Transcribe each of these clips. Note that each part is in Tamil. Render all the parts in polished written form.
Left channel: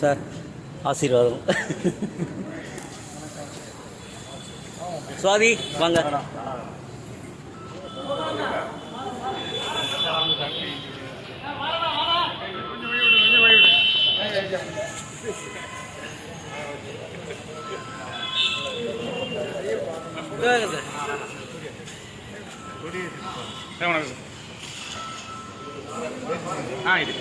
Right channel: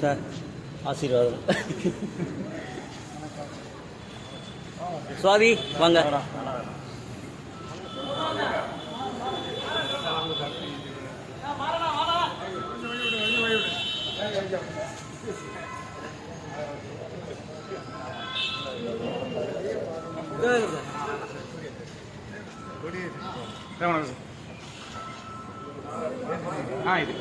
சார் ஆசீர்வாதம். சுவாதி வாங்க. இது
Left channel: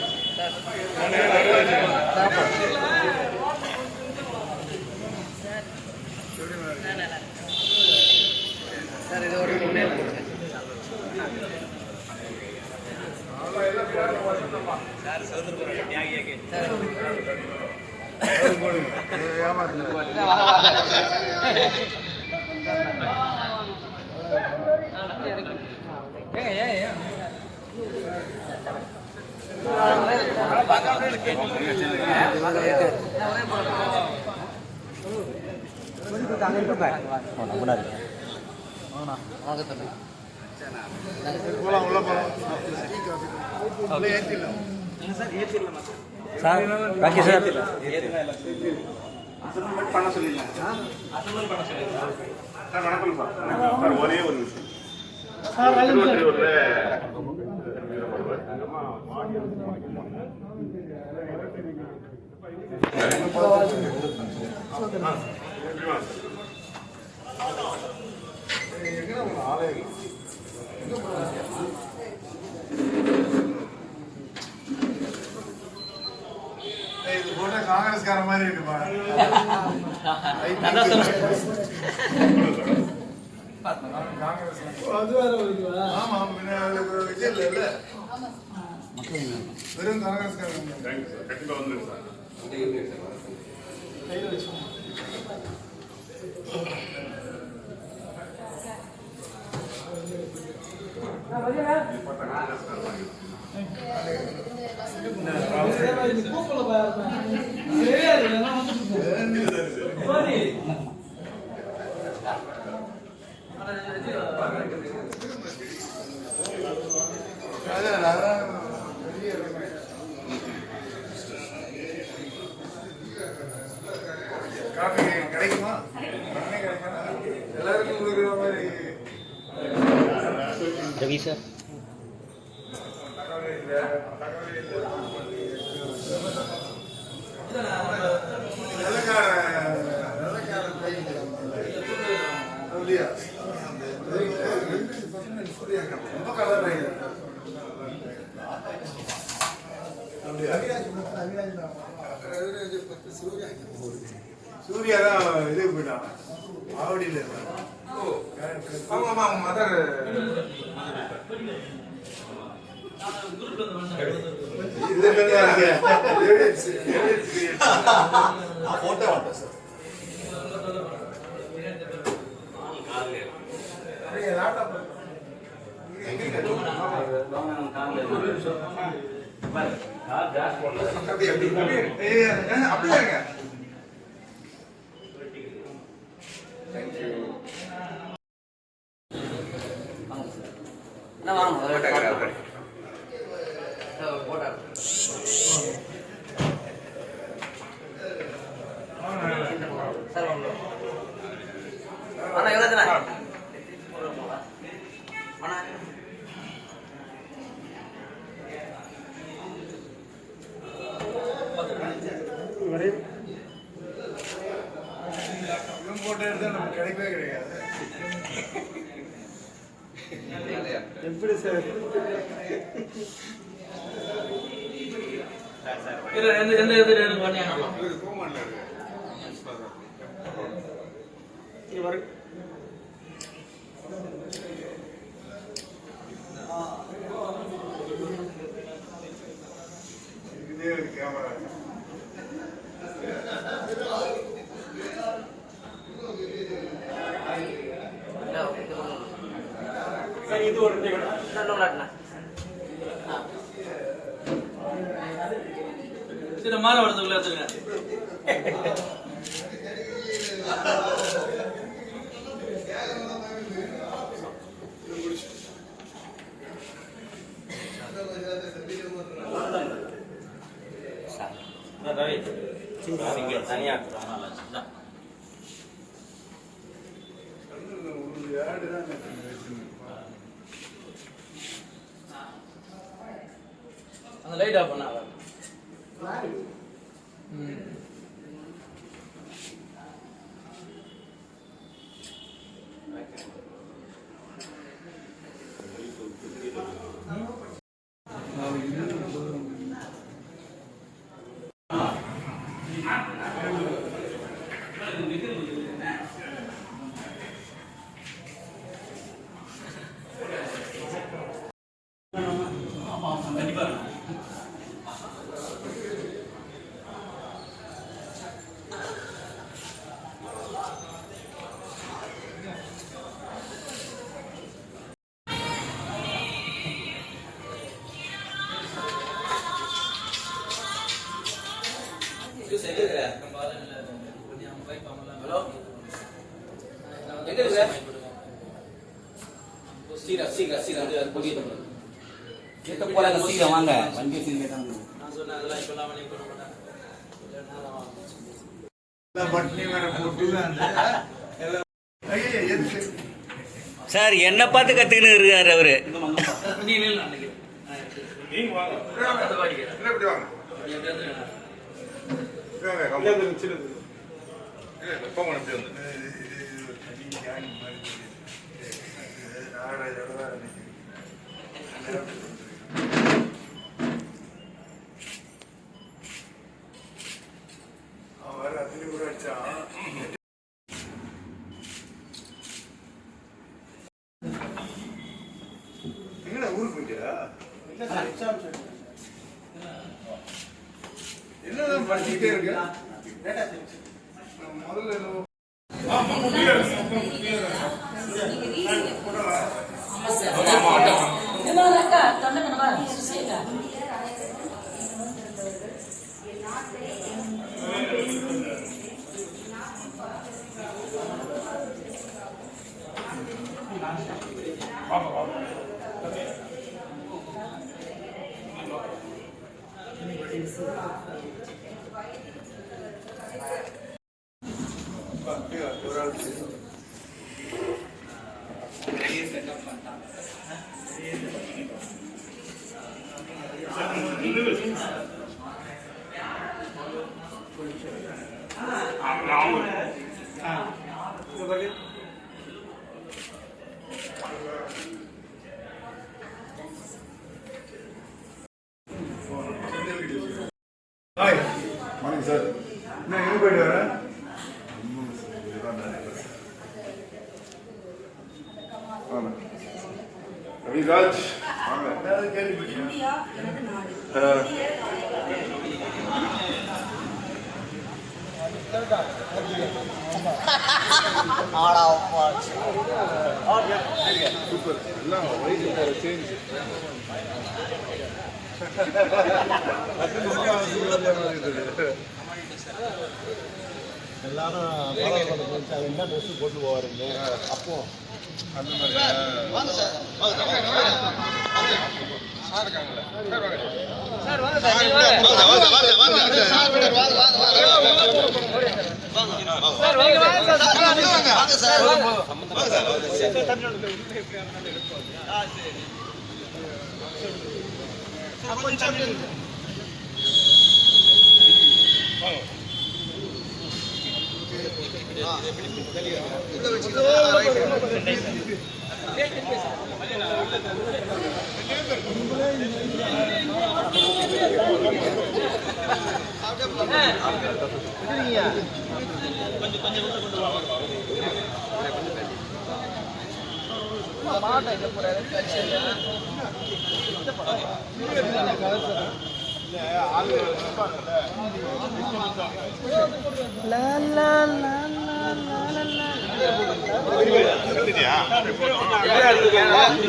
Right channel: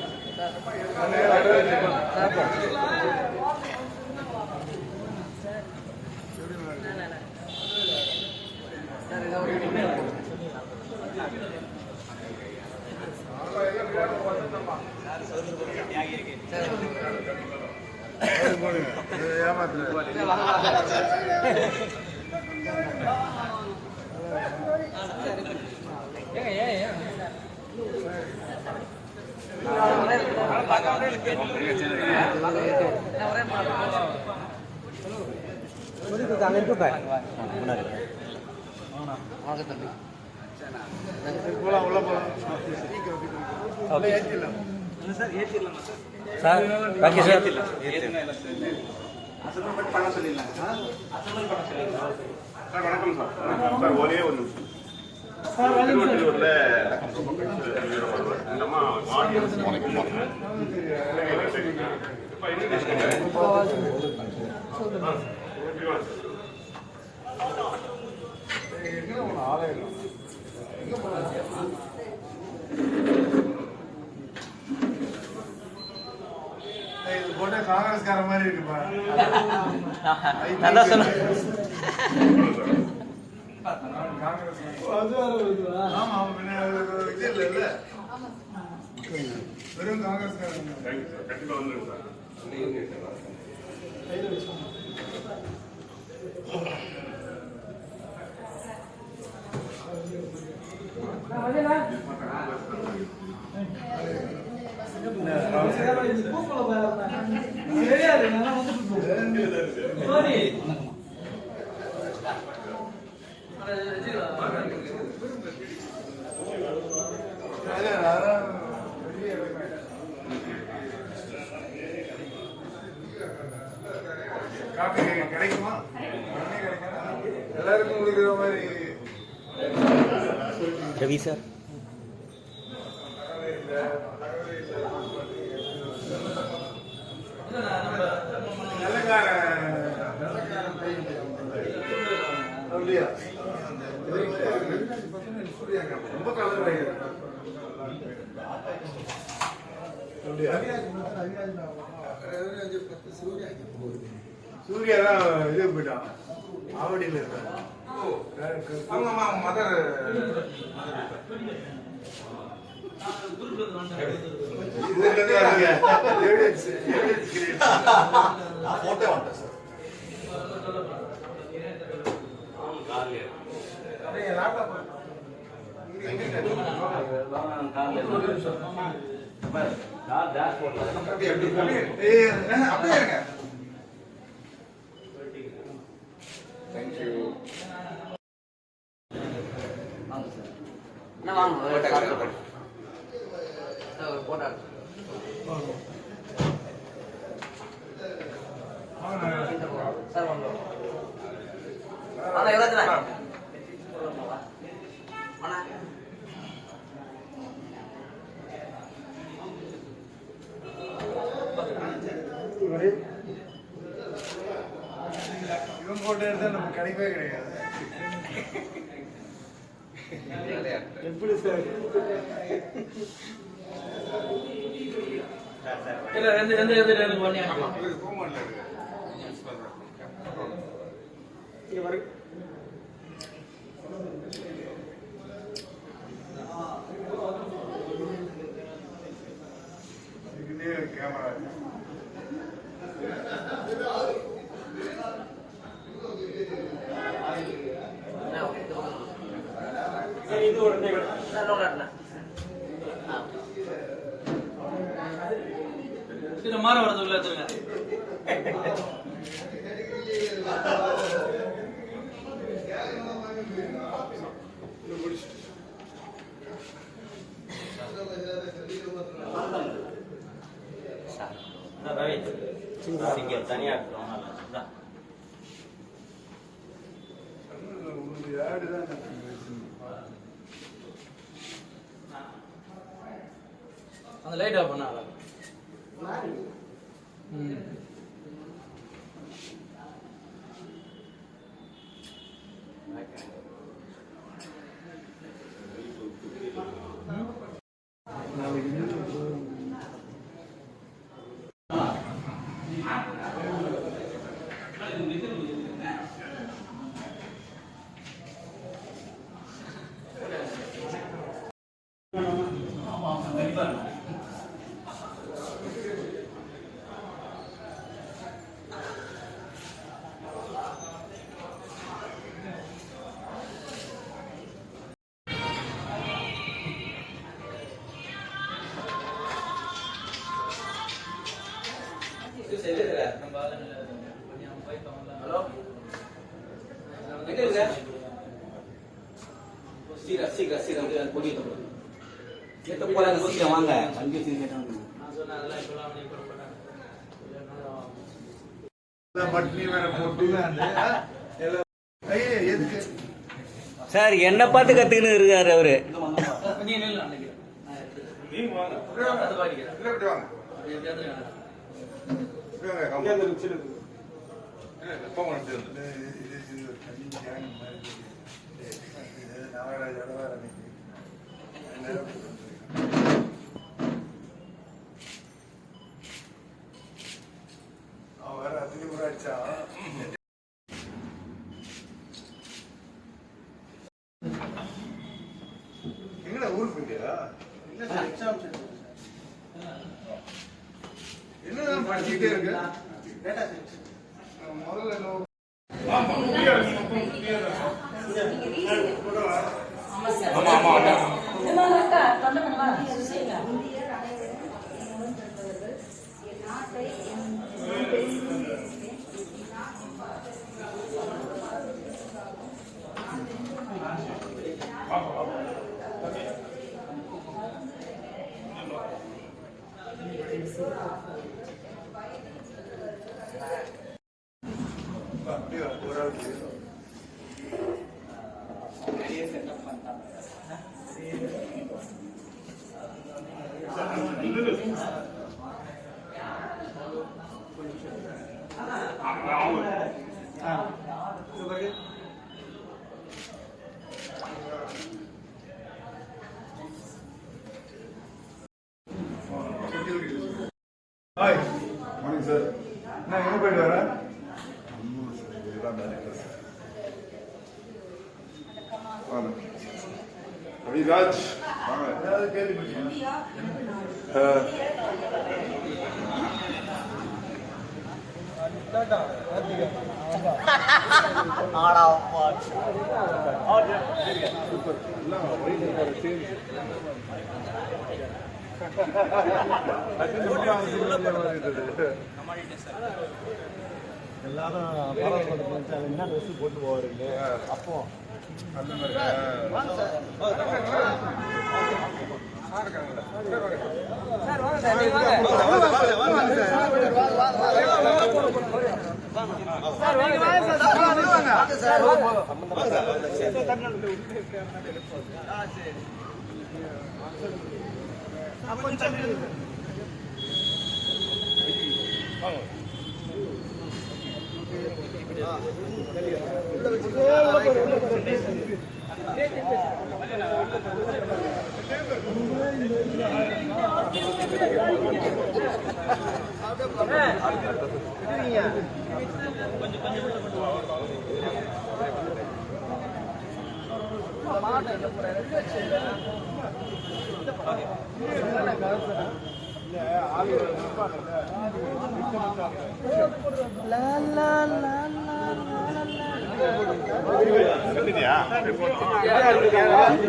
சார் ஓகே சார். பண்ண சொல்லிடலாம் சார். வணக்கம் சார். சார் ஒரே ஒரு நிமிஷம். திருவொற்றியூர்ல இது போட்ட காங்கிரஸ்கார மாதிரி இருக்குப்பா. வெறும் காங்கிரஸ்காரங்க. காஃபி கிடைக்குமா? எல்லாருக்கும் குடிக்கிற மாதிரி ரவி சார். அப்படியா? ரொம்ப கலர் சூர்யா தான் இது போயிட்டான். ஆவடியில் இருக்கான். மதர் போட்டோ வாங்க சார். இவன் போட்டோ எடுத்தா நமக்கு கிடைக்கவே கிடையாது. எப்படி சார்? கேமரா இது ஒரு இது மாற வரதுக்குள்ள தனியாக அந்த லைட் ஆஃப் பண்ணா கண்டிப்பா ஹலோ எங்க இருக்க சீக்கிரம் கூட்டிட்டு சீக்கிரம் வாங்க வண்டி சீக்கிரம் நான் சொன்னேன் அதெல்லாம் இப்பெல்லாம் பண்ணி கொடுக்க மாட்டாங்க சார் என்ன பார்த்து கற்றுக்கின்னு இருக்காரு அவரு. நீ நில்லு அன்னைக்கு நீங்க வாங்க இப்படி வாங்க போங்க அவர் அதிக கூட அடிச்சா என்ன ஊருக்கு போயிட்டியா என்ன படிச்சுட்டே இருக்கு முதல்ல மார்னிங் சார். நான் எங்கே போயிட்டு வரேன்? ரவிராஜ் வாங்க சூப்பர் எல்லாம் சேஞ்ச் எல்லாரும் என்ன ட்ரெஸ் போட்டு போவாருங்க அப்போ அந்த மாதிரி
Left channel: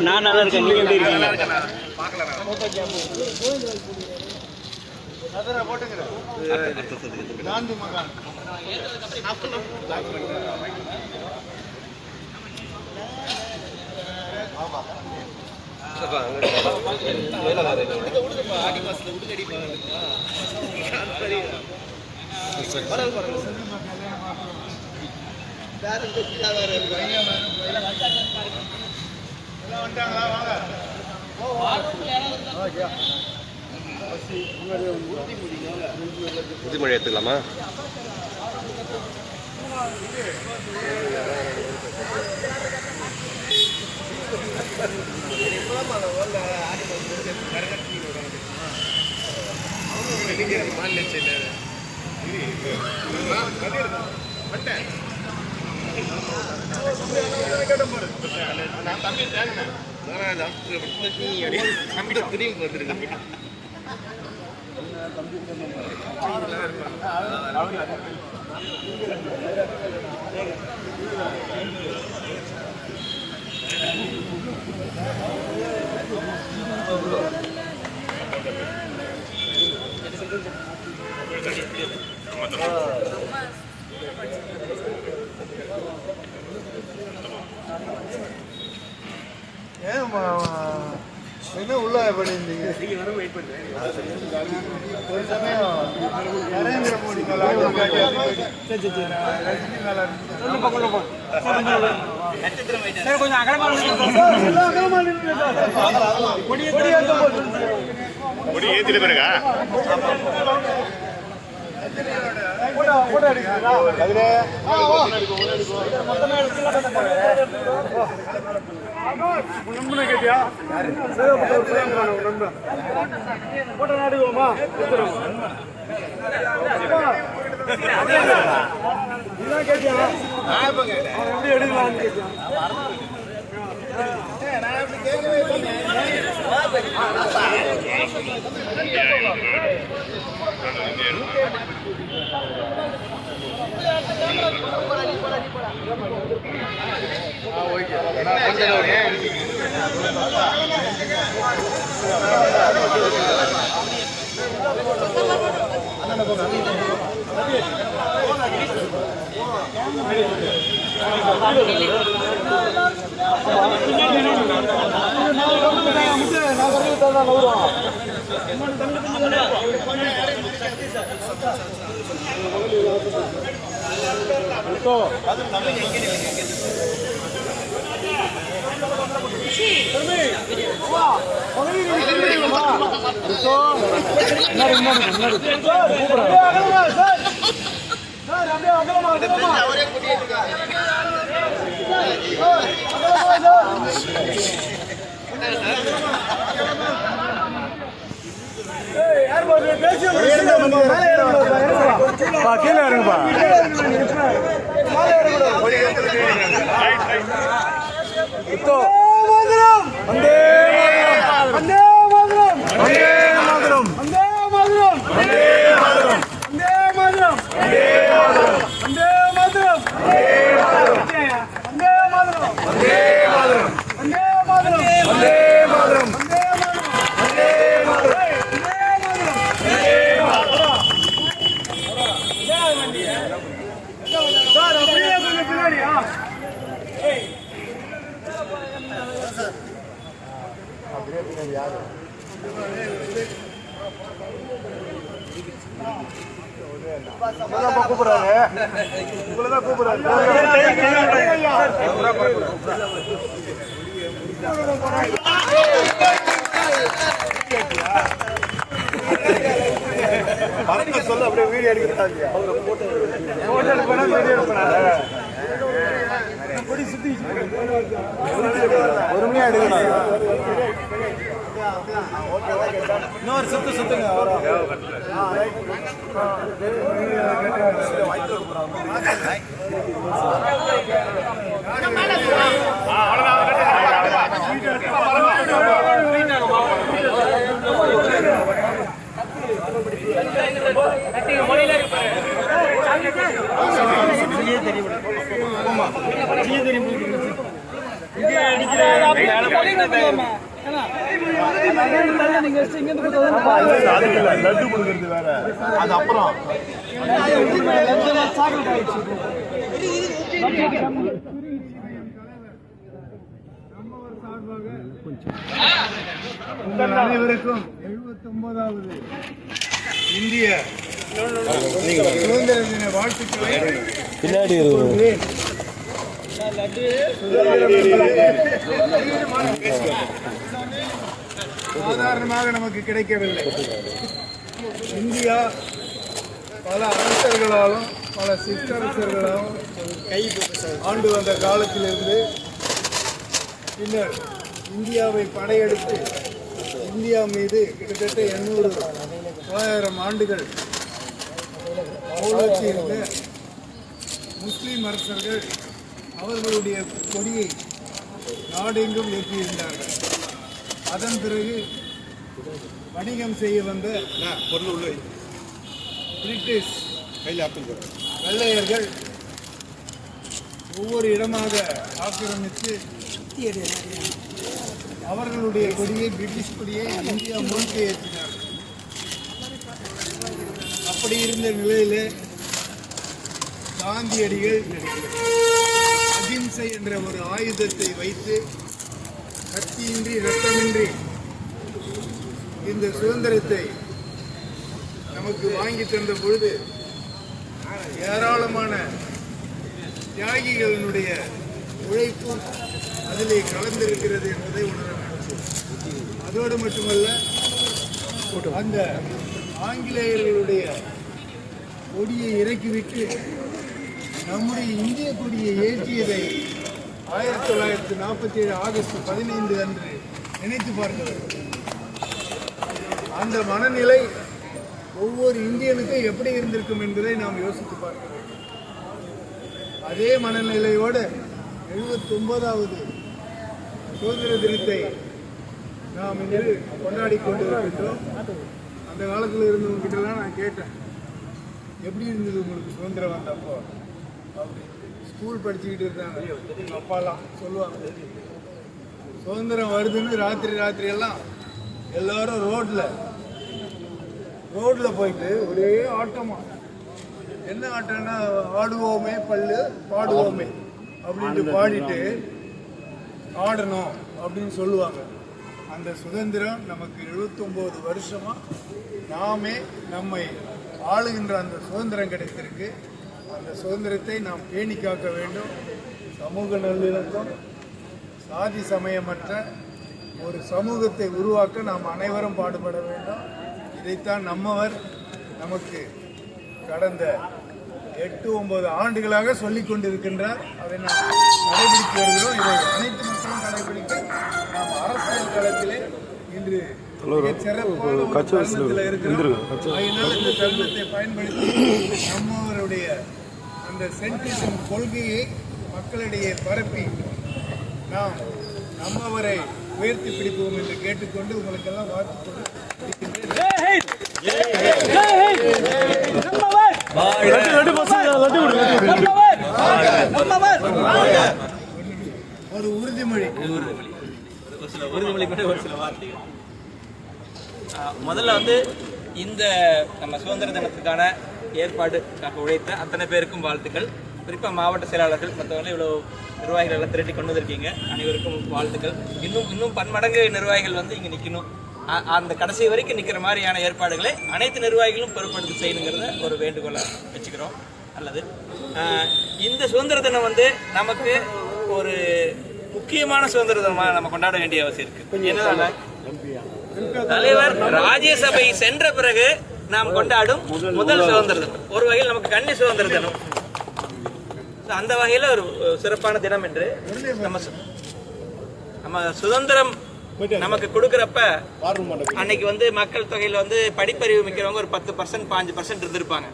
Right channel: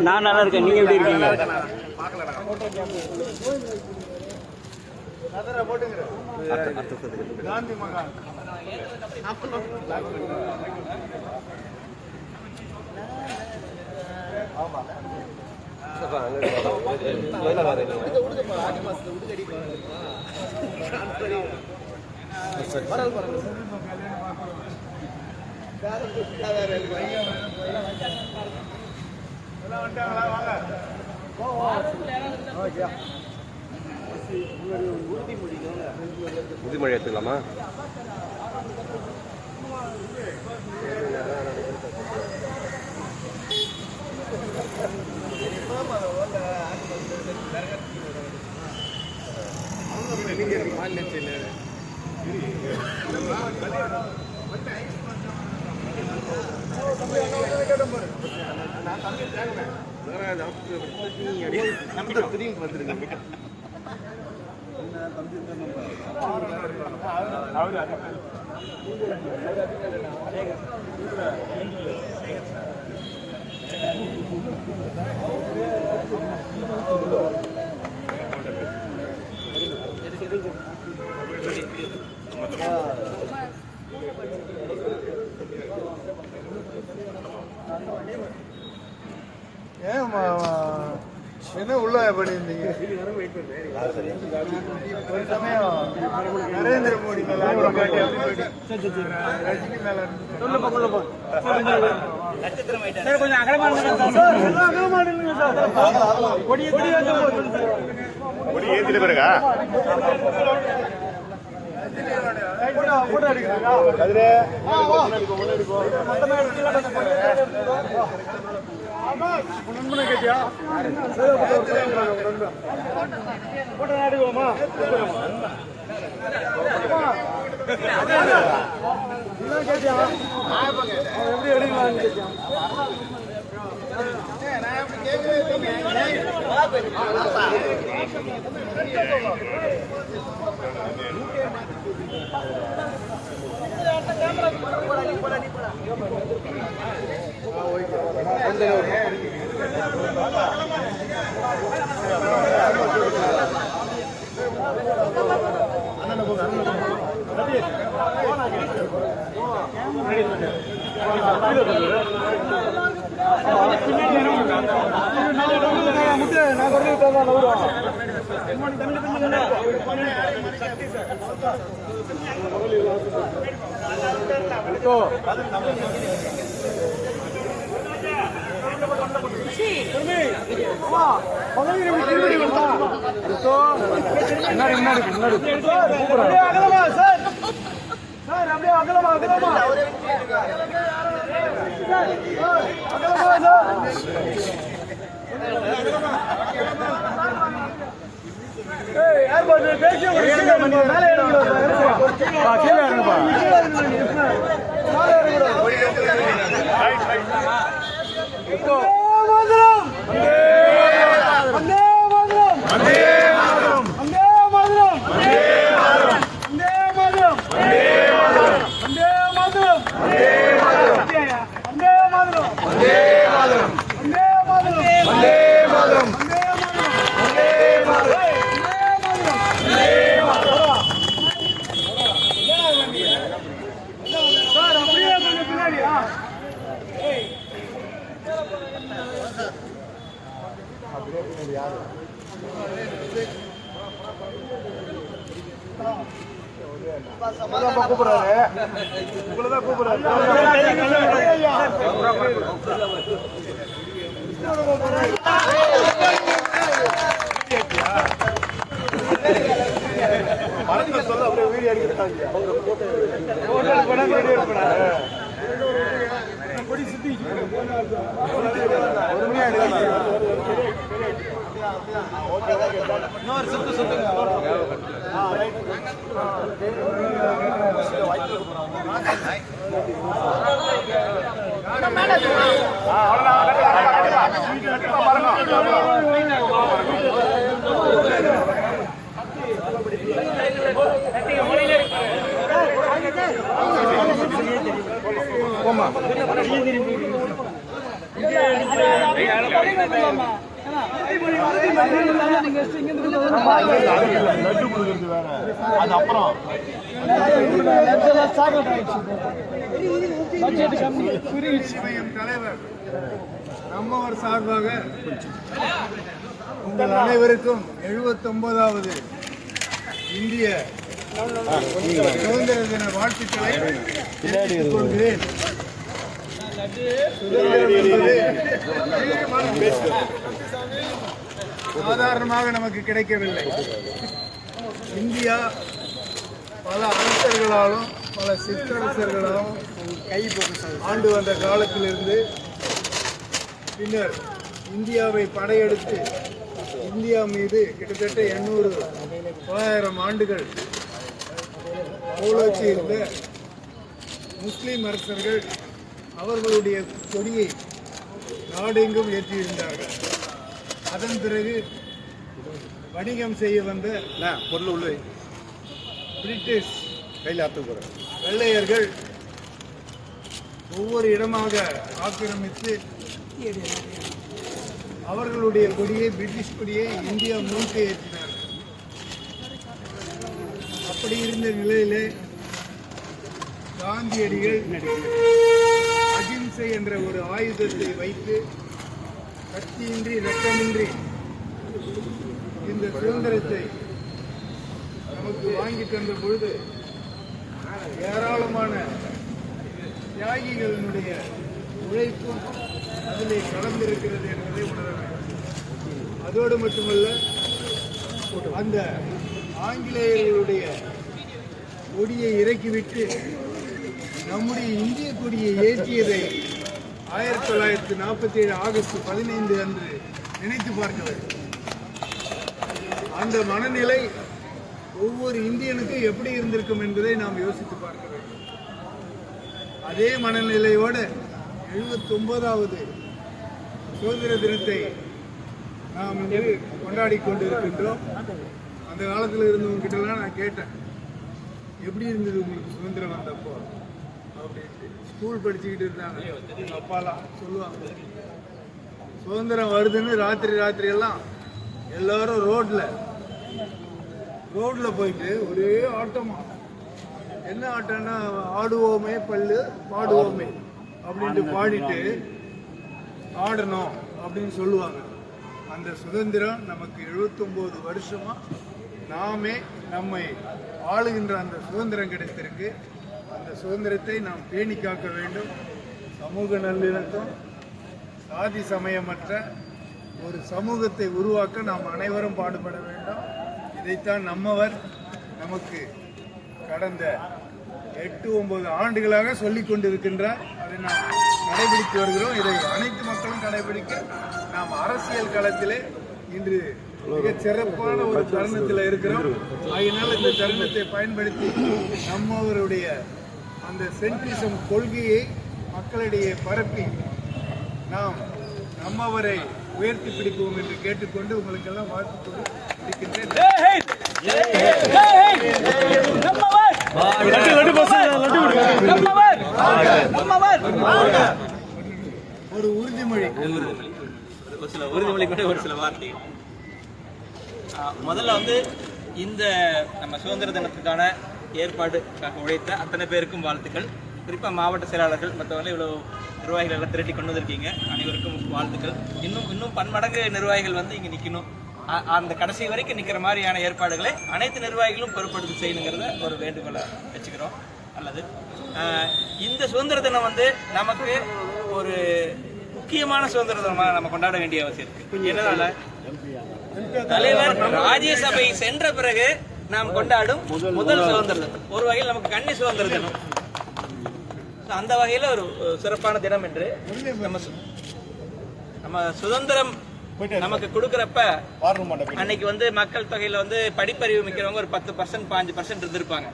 நான் நல்லா இருக்கேன். நீங்க எப்படி இருக்கீங்க? ஆமா உறுதிமொழி எடுத்துக்கலாமா? என்ன உள்ள பண்ணியிருந்தீங்க? ஒரு சமயம் நரேந்திர மோடி மேல ரஜினி மேல ஏத்திட்டு பிறகா கூப்பிடுறாரு, உங்களதான் கூப்பிடுறாரு. சொல்ல அப்படியே வீடியோ எடுக்கிறாங்க. போட்டோ எடுப்பா வீடியோ எடுப்பா லட்டு கொடுக்கறது வேற, அது அப்புறம் தலைவர் நம்மவர் சார்பாக உங்கள் அனைவருக்கும் 79வது இந்திய சுதந்திர தின வாழ்த்துக்களை கொள்கிறேன். சுதந்திரம் என்பது சாதாரணமாக நமக்கு கிடைக்கவில்லை. இந்தியா பல அரசர்களாலும் பல சிற்றரசர்களாலும் ஆண்டு வந்த காலத்திலிருந்து பின்னர் இந்தியாவை படையெடுத்து இந்தியா மீது கிட்டத்தட்ட 800-900 ஆண்டுகள் கோலோச்சி இருந்த முஸ்லிம் அரசர்கள் அவர்களுடைய கொடியை நாடெங்கும் ஏற்றியிருந்தார்கள். அதன் பிறகு வணிகம் செய்ய வந்த பிரிட்டிஷ் வெள்ளையர்கள் ஒவ்வொரு இடமாக ஆக்கிரமித்து அவர்களுடைய கொடியை, பிரிட்டிஷ் கொடியை இந்தியா முழுக்க ஏற்றினார்கள். அப்படி இருந்த நிலையிலே காந்தியடிகள் அகிம்சை என்ற ஒரு ஆயுதத்தை வைத்து கத்தியின்றி ரத்தமின்றி இந்த சுதந்திரத்தை நமக்கு வாங்கி தந்த பொழுது ஏராளமான தியாகிகளினுடைய உழைப்பும் அதிலே கலந்திருக்கிறது என்பதை உணர வேண்டும். அதோடு மட்டுமல்ல, அந்த ஆங்கிலேயர்களுடைய கொடியை இறக்கிவிட்டு நம்முடைய இந்திய கொடியை ஏற்றியதை 1947 ஆகஸ்ட் 15 அன்று நினைத்து பார்க்க வேண்டும். அந்த மனநிலை ஒவ்வொரு இந்தியனுக்கும் எப்படி இருந்திருக்கும் என்பதை நாம் யோசித்து பார்க்க வேண்டும். அதே மனநிலையோடு 79வது சுதந்திர தினத்தை நாம் இன்று கொண்டாடி கொண்டிருக்கின்றோம். அந்த காலத்தில் இருந்தவங்ககிட்டலாம் நான் கேட்டேன், எப்படி இருந்தது உங்களுக்கு சுதந்திரம் வந்தப்போ அப்படின்ட்டு. ஸ்கூல் படிச்சுக்கிட்டு இருந்தாங்க எங்கள் அப்பாலாம் சொல்லுவாங்க, சுதந்திரம் வருதுன்னு ராத்திரி எல்லாம் எல்லாரும் ரோட்டில் போயிட்டு ஒரே ஆட்டமா. என்ன ஆட்டம்னா, ஆடுவோமே பல்லு பாடுவோமே அப்படின்ட்டு பாடிட்டு ஆடணும் அப்படின்னு சொல்லுவாங்க. அந்த சுதந்திரம் நமக்கு 79 வருஷமா நாமே நம்மை ஆளுகின்ற அந்த சுதந்திரம் கிடைத்திருக்கு. அந்த சுதந்திரத்தை நாம் பேணி காக்க வேண்டும். சமூக நல்லிணக்கம், சாதி சமயமற்ற ஒரு சமூகத்தை உருவாக்க நாம் அனைவரும் பாடுபட வேண்டும். இதைத்தான் நம்மவர் நமக்கு கடந்த 8-9 ஆண்டுகளாக சொல்லிக் கொண்டிருக்கின்றார். அதை நாம் கடைபிடித்து வருகிறோம். இதை அனைத்து மக்களும் கடைபிடிக்க நாம் அரசியல் களத்திலே இன்று மிக சிறப்பான ஒரு தருணத்தில் இருக்கிறோம். அதனால் இந்த தருணத்தை பயன்படுத்தி நம்மவருடைய அந்த சென்ட்ரிசம் கொள்கையை மக்களிடையே பரப்பி நாம் நம்மவரை உயர்த்தி பிடிப்போம் என்று கேட்டுக்கொண்டு உங்களுக்கெல்லாம் வாழ்த்து பிடிக்கின்றேன். ஒரு உறுதிமொழி, ஒரு சில வார்த்தைகள். முதல்ல வந்து இந்த நம்ம சுதந்திர தினத்துக்கான ஏற்பாடுக்காக உழைத்த அத்தனை பேருக்கும் வாழ்த்துக்கள். குறிப்பாக மாவட்ட செயலாளர்கள் மற்றவங்க இவ்வளோ நிர்வாகிகள் எல்லாம் திரட்டி கொண்டு வந்திருக்கீங்க, அனைவருக்கும் வாழ்த்துக்கள். இன்னும் பன்மடங்கு நிர்வாகிகள் வந்து இங்கே நிற்கணும். அந்த கடைசி வரைக்கும் நிற்கிற மாதிரியான ஏற்பாடுகளை அனைத்து நிர்வாகிகளும் பொறுப்படுத்தி செய்யணுங்கிறத ஒரு வேண்டுகோளை வச்சுக்கிறோம். அல்லது இந்த சுதந்திர தினம் வந்து நமக்கு ஒரு முக்கியமான சுதந்திர தினமாக நம்ம கொண்டாட வேண்டிய அவசியம் இருக்கு. என்னதால தலைவர் ராஜ்யசபை சென்ற பிறகு நாம் கொண்டாடும் முதல் சுதந்திர தினம், ஒரு வகையில் நமக்கு கன்னி சுதந்திர தினம். அந்த வகையில ஒரு சிறப்பான தினம் என்று நம்ம சுதந்திரம் நமக்கு கொடுக்கறப்ப அன்னைக்கு வந்து மக்கள் தொகையில வந்து படிப்பறிவு மிக்கிறவங்க ஒரு 10% 5% இருந்திருப்பாங்க.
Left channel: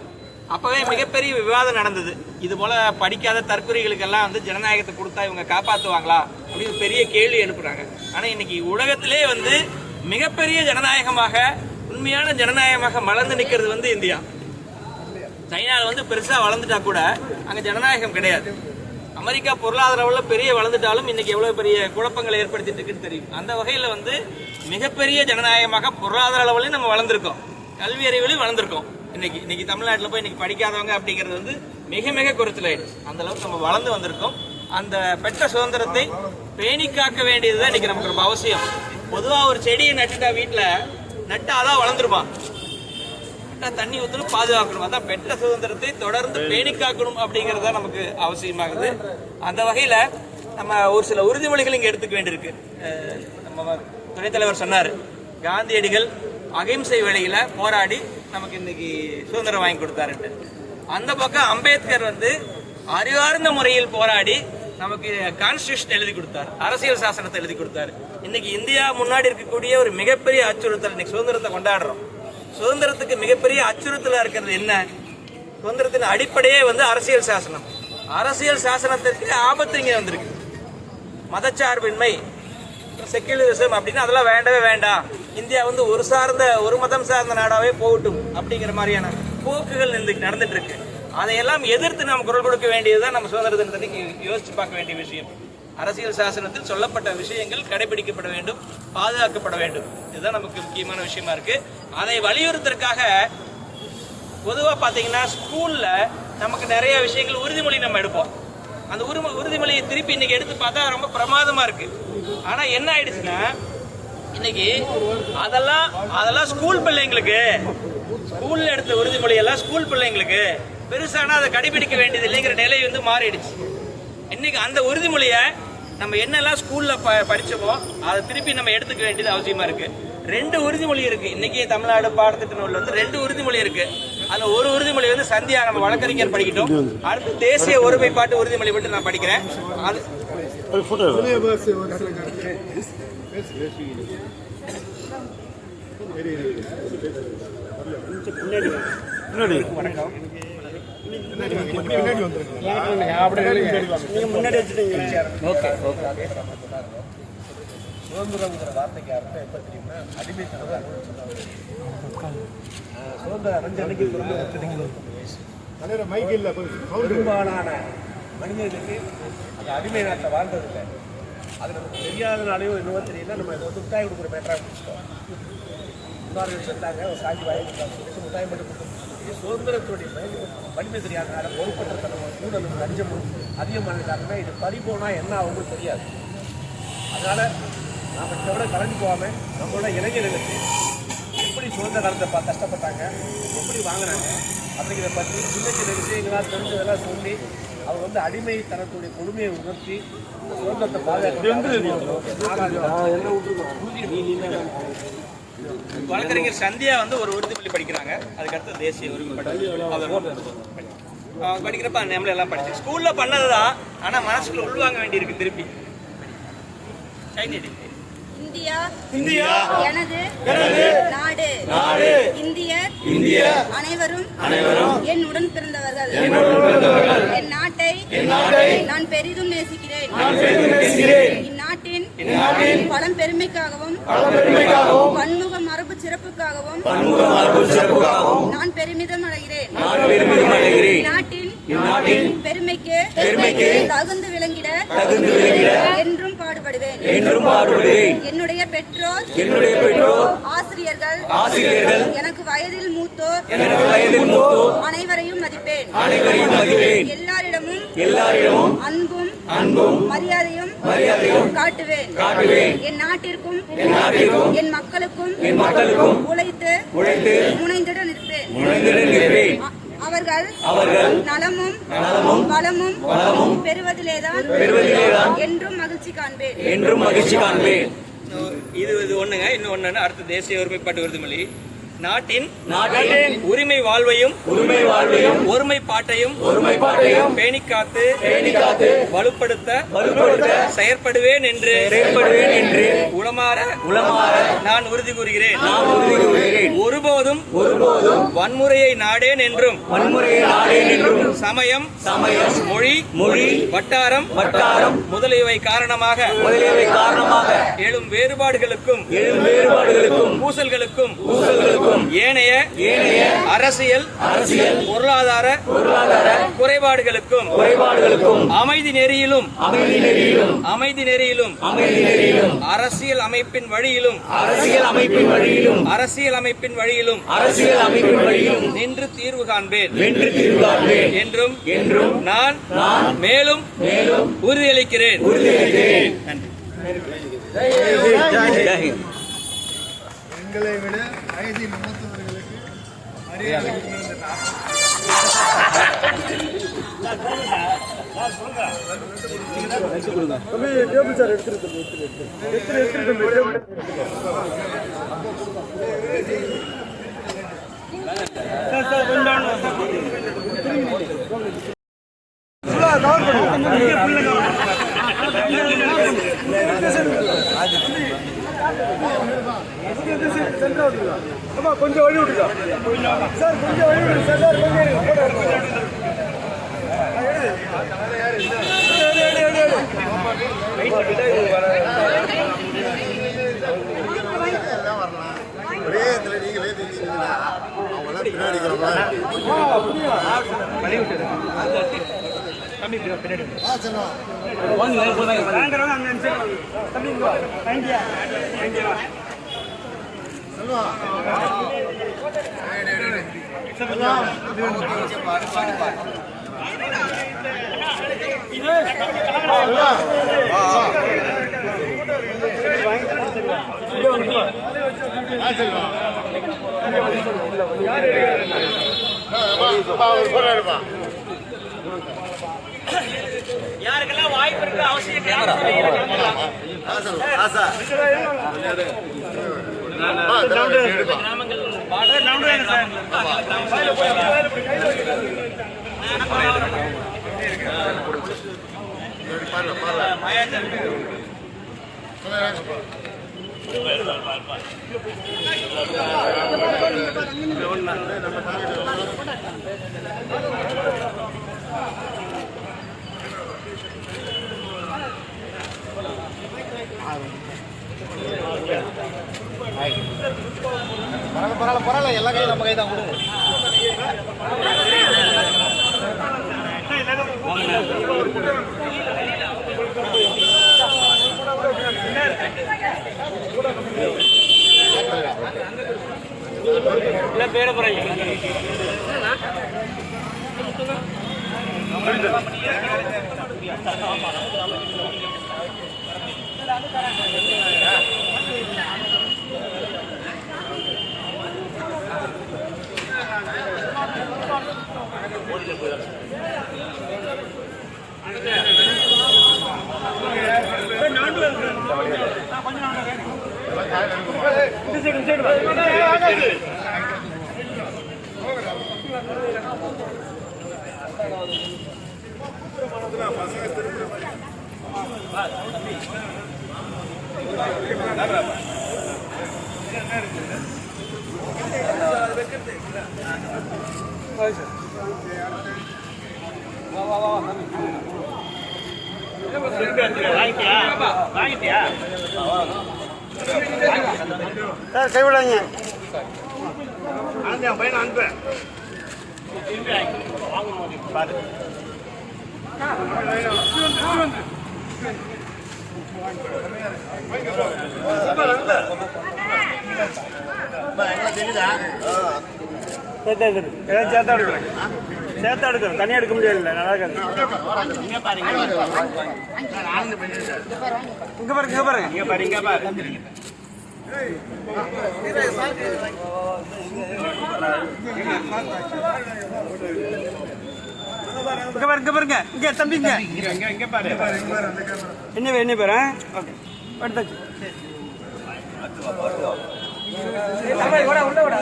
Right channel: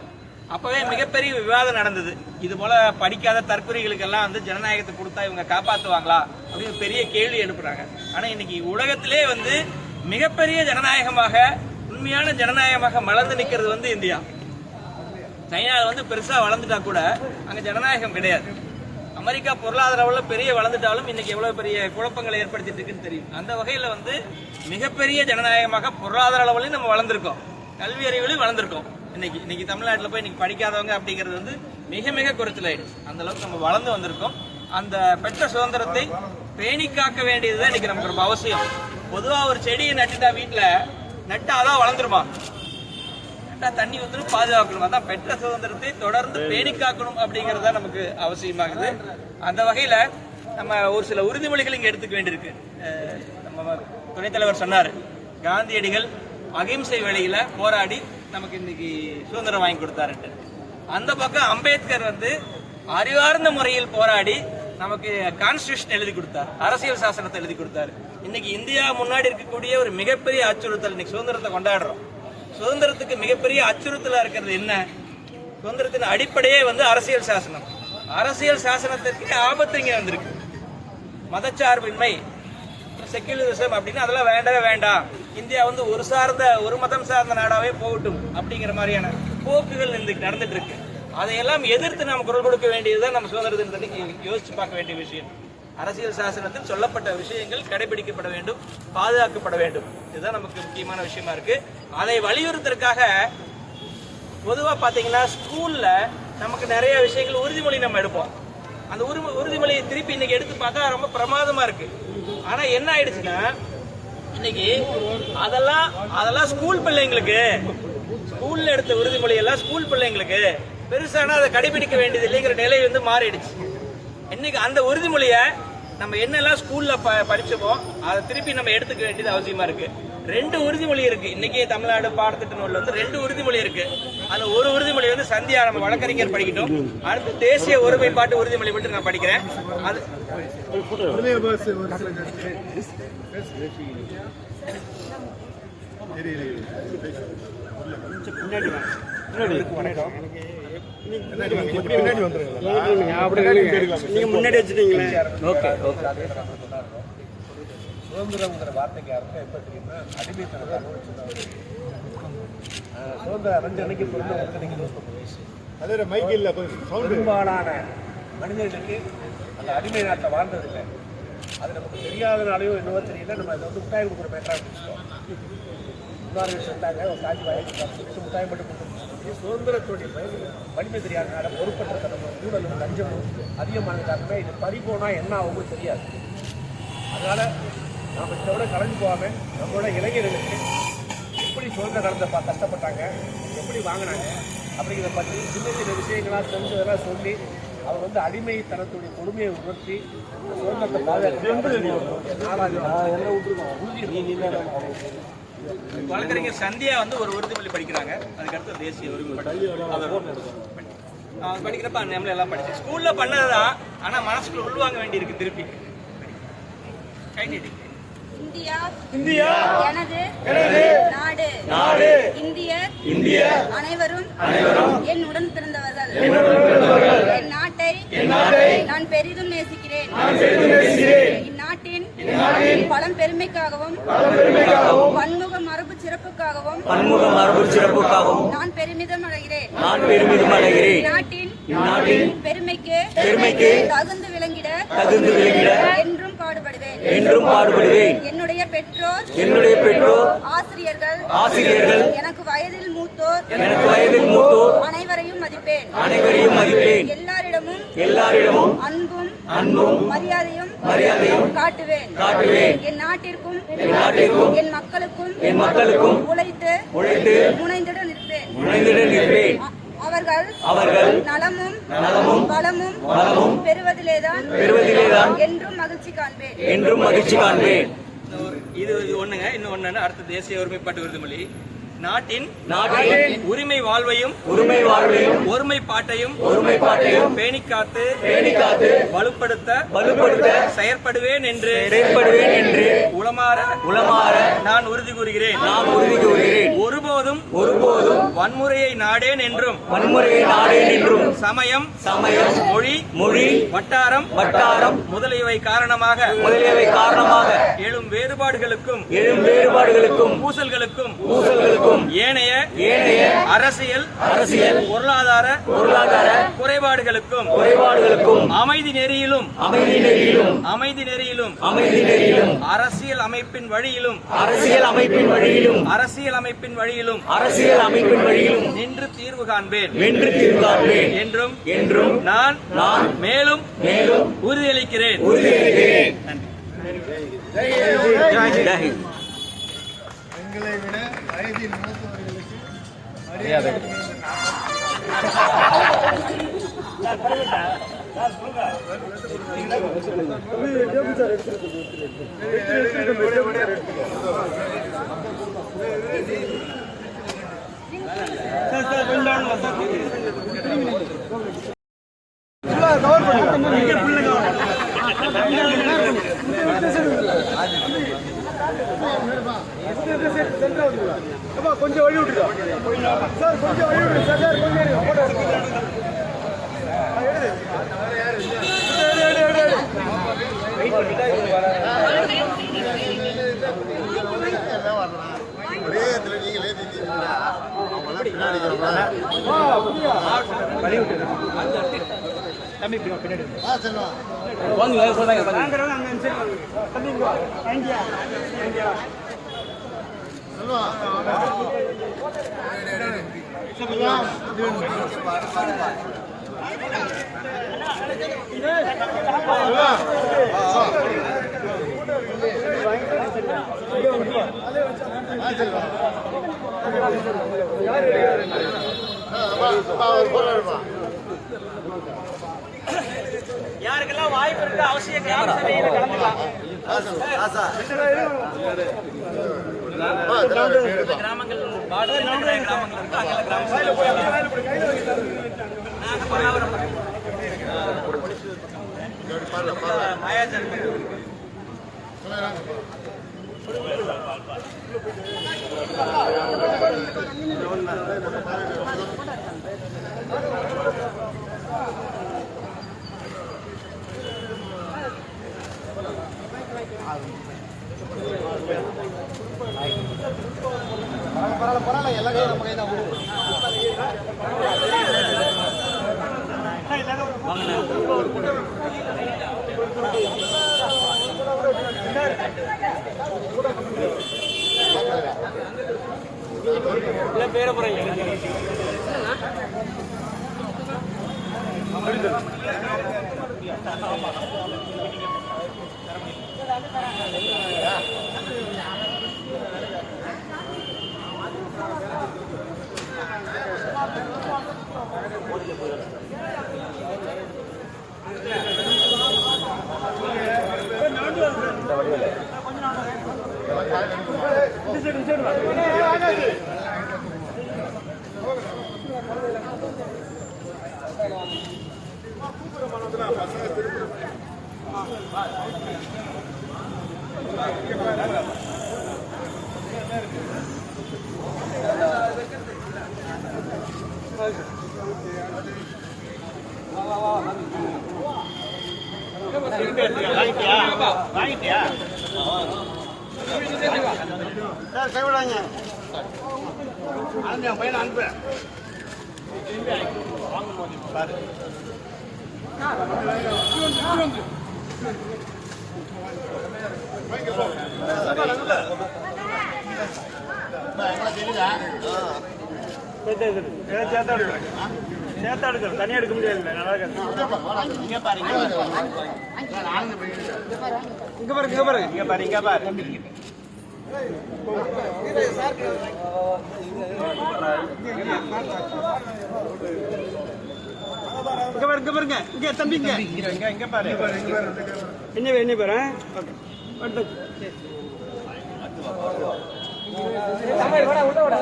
அப்பவே மிகப்பெரிய விவாதம் நடந்தது. இது போல படிக்காத தற்கொலைகளுக்கெல்லாம் வந்து ஜனநாயகத்தை கொடுத்தா இவங்க காப்பாற்றுவாங்களா அப்படின்னு பெரிய கேள்வி எழுப்புறாங்க. ஆனா இன்னைக்கு உலகத்திலே வந்து மிகப்பெரிய ஜனநாயகமாக, உண்மையான ஜனநாயகமாக மலர்ந்து நிற்கிறது வந்து இந்தியா. சைனாவில் வந்து பெருசா வளர்ந்துட்டா கூட அங்க ஜனநாயகம் கிடையாது. அமெரிக்கா பொருளாதார அளவில் பெரிய வளர்ந்துட்டாலும் இன்னைக்கு எவ்வளவு பெரிய குழப்பங்களை ஏற்படுத்திட்டு இருக்குன்னு தெரியும். அந்த வகையில வந்து மிகப்பெரிய ஜனநாயகமாக பொருளாதார அளவிலையும் நம்ம வளர்ந்துருக்கோம், கல்வி அறிவிலையும் வளர்ந்துருக்கோம். இன்னைக்கு தமிழ்நாட்டில் போய் இன்னைக்கு படிக்காதவங்க அப்படிங்கிறது வந்து மிக மிக குறைச்சலாயிடுச்சு. அந்த அளவுக்கு நம்ம வளர்ந்து வந்திருக்கோம். அந்த பெற்ற சுதந்திரத்தை பேணி காக்க வேண்டியதுதான் இன்னைக்கு நமக்கு ரொம்ப அவசியம். பொதுவா ஒரு செடியை நட்டுட்டா வீட்டுல நட்டு அதான் வளர்ந்துருமா? கரெக்டாக தண்ணி ஊற்றணும், பாதுகாக்கணும். அதான் பெற்ற சுதந்திரத்தை தொடர்ந்து பேணி காக்கணும் அப்படிங்கிறது தான் நமக்கு அவசியமாகுது. அந்த வகையில் நம்ம ஒரு சில உறுதிமொழிகள் இங்கே எடுத்துக்க வேண்டியிருக்கு. நம்ம துணைத் தலைவர் சொன்னார், காந்தியடிகள் அகிம்சை வழியில் போராடி நமக்கு இன்னைக்கு சுதந்திரம் வாங்கி கொடுத்தாருட்டு. அந்த பக்கம் அம்பேத்கர் வந்து அறிவார்ந்த முறையில் போராடி நமக்கு கான்ஸ்டிடியூஷன் எழுதி கொடுத்தார், அரசியல் சாசனத்தை எழுதி கொடுத்தாரு. இன்னைக்கு இந்தியா முன்னாடி இருக்கக்கூடிய ஒரு மிகப்பெரிய அச்சுறுத்தல், இன்னைக்கு சுதந்திரத்தை கொண்டாடுறோம். சுதந்திரத்துக்கு மிகப்பெரிய அச்சுறுத்தலா இருக்கிறது என்ன? சுதந்திரத்தின் அடிப்படையே வந்து அரசியல் சாசனம். அரசியல் சாசனத்திற்கு ஆபத்து இங்க வந்திருக்கு. மதச்சார்பின்மை, செக்யுலரிசம் அப்படின்னு அதெல்லாம் வேண்டவே வேண்டாம். இந்தியா வந்து ஒரு மதம் சார்ந்த நாடாவே போகட்டும் அப்படிங்கிற மாதிரியான போக்குகள் நடந்துட்டு இருக்கு. அதையெல்லாம் எதிர்த்து நாம் குரல் கொடுக்க வேண்டியதுதான் நம்ம சுதந்திர தினத்தை யோசிச்சு பார்க்க வேண்டிய விஷயம். அரசியல் சாசனத்தில் சொல்லப்பட்ட விஷயங்கள் கடைபிடிக்கப்பட வேண்டும், பாதுகாக்கப்பட வேண்டும். இதுதான் நமக்கு முக்கியமான விஷயமா இருக்கு. அதை வலியுறுத்துறதுக்காக பொதுவா பாத்தீங்கன்னா ஸ்கூல்ல நமக்கு நிறைய விஷயங்கள் உறுதிமொழி நம்ம எடுப்போம். அந்த உறுதிமொழியை திருப்பி இன்னைக்கு எடுத்து பார்த்தா ரொம்ப பிரமாதமா இருக்கு. ஆனா என்ன ஆயிடுச்சுன்னா இன்னைக்கு அதெல்லாம் ஸ்கூல் பிள்ளைங்களுக்கு, ஸ்கூல்ல எடுத்த உறுதிமொழி எல்லாம் ஸ்கூல் பிள்ளைங்களுக்கு பெருசானா அதை கடைபிடிக்க வேண்டியது இல்லைங்கிற நிலை வந்து மாறிடுச்சு. இன்னைக்கு அந்த உறுதிமொழியை நம்ம என்னெல்லாம் ஸ்கூல்ல படிச்சோமோ அதை திருப்பி நம்ம எடுத்துக்க வேண்டியது அவசியமா இருக்கு. 2 உறுதிமொழி இருக்கு. இன்னைக்கு தமிழ்நாடு பாடத்திட்ட நூல்ல வந்து 2 உறுதிமொழி இருக்கு. அதுல ஒரு உறுதிமொழி வந்து சந்தியா நம்ம வழக்கறிஞர் படிக்கட்டும். அடுத்து தேசிய ஒருமைப்பாட்டு உறுதிமொழி விட்டு நான் படிக்கிறேன். அது வணக்கம். முன்னாடி வச்சுட்டீங்க. சுதந்திரங்கிற வார்த்தைக்கு அர்த்தம் எப்ப தெரியுமா? அடிமைத்தனத்தை அனுபவிச்சு. சுதந்திரம் அடைஞ்ச அன்னைக்கு பிறந்த 29 வயசு. பெரும்பாலான மனிதர்களுக்கு அந்த அடிமை நாட்டை வாழ்ந்ததில்லை. அது நமக்கு தெரியாதனாலையோ என்னவோ தெரியல, நம்ம இதை வந்து முட்டாய் கொடுக்குற மேட்டராக பிடிச்சிட்டோம். முன்னாள் சொன்னாங்க ஒரு சாட்சி வாங்கி முட்டாய் மட்டும் கொடுத்து சுதந்திரத்துடைய வலிமை தெரியாதனால பொறுப்பற்றத்தனமும் ஊழலும் லஞ்சமும் அதிகமான காரணமே இது பறிபோனா என்ன ஆகும்னு தெரியாது. அதனால நாம் இதை விட கலந்து போகாமல் நம்மளோட இளைஞர்களுக்கு எப்படி சுதந்திர காலத்தை கஷ்டப்பட்டாங்க, எப்படி வாங்கினாங்க அப்படிங்கிறத பற்றி சின்ன சின்ன விஷயங்களாக தெரிஞ்சதெல்லாம் சொல்லி அவர் வந்து அடிமைத்தனத்துடைய கொடுமையை உணர்த்தி சுதந்திரத்தை வழக்கறிஞர் சந்தியா வந்து ஒரு உறுதிமொழி படிக்கிறாங்க. அதுக்கடுத்து தேசிய படிக்கிறப்ப நம்மள எல்லாம் படிச்சு ஸ்கூல்ல பண்ணதுதான். ஆனா மனசுக்குள்ள உள்வாங்க வேண்டி இருக்கு திருப்பி. இந்தியா எனது நாடு. இந்தியர் அனைவரும் என் உடன் பிறந்தவர்கள். என் நாட்டை நான் பெரிதும் நேசிக்கிறேன். இந்நாட்டின் பலம் பெருமைக்காகவும் பன்முக மரபு சிறப்புக்காகவும் நான் பெருமிதம் அடைகிறேன். நாட்டின் பெருமைக்கு தகுந்து விளங்கிட என்றும் பாடுபடுவேன். என்னுடைய பெற்றோர் ஆசிரியர்கள் எனக்கு வயதில் மூத்தோர் அனைவரையும் மதிப்பேன். எல்லாரிடமும் அன்பும் மரியாதையும் காட்டுவேன். என் நாட்டிற்கும் என் மக்களுக்கும் உழைத்து முனைந்திட நிற்பேன். அவர்கள் நலமும் வளமும் பெறுவதிலேதான் என்றும் மகிழ்ச்சி காண்பேன். இது ஒண்ணுங்க. இன்னொன்னு அடுத்த தேசிய ஒருமைப்பாட்டு உறுதிமொழி. நாட்டின் உரிமை வாழ்வையும் ஒருமைப்பாட்டையும் பேணி காத்து வலுப்படுத்த செயற்படுவேன் என்று உளமாற நான் உறுதி கூறுகிறேன். ஒருபோதும் வன்முறையை நாடேன் என்றும் சமயம் மொழி வட்டாரம் முதலியவை காரணமாக எழும் வேறுபாடுகளுக்கும் பூசல்களுக்கும் ஏனைய அரசியல் பொருளாதார குறைபாடுகளுக்கும் அமைதி நெறியிலும் அரசியல் அமைப்பின் வழியிலும் நின்று தீர்வு காண்பேன் என்றும் நான் மேலும் உறுதியளிக்கிறேன். எங்களை விட வயதில் மூத்தவர்களுக்கு கொஞ்சம் வழி விட்டுருக்கா சார், கொஞ்சம் வழி விடுங்க சார். சார் கொஞ்சம் போட்டோ ஒரே இடத்துல நீங்களே நின்றீங்கன்னா அவங்களாம் பின்னாடி யாருக்கெல்லாம் வாய்ப்பு இருக்கு அவசியம் பேர போறீங்க வாங்கிட்டியா சார் கைவிடாங்க அந்த பையனை அனுப்பு பாரு சேர்த்தா எடுக்கணும், தனியாக எடுக்க முடியாது. இங்க பாருங்க, இங்க பாரு. இங்க தம்பிங்க, இங்க பாரு. என்ன பேரு எடுத்தாச்சு. உள்ள விட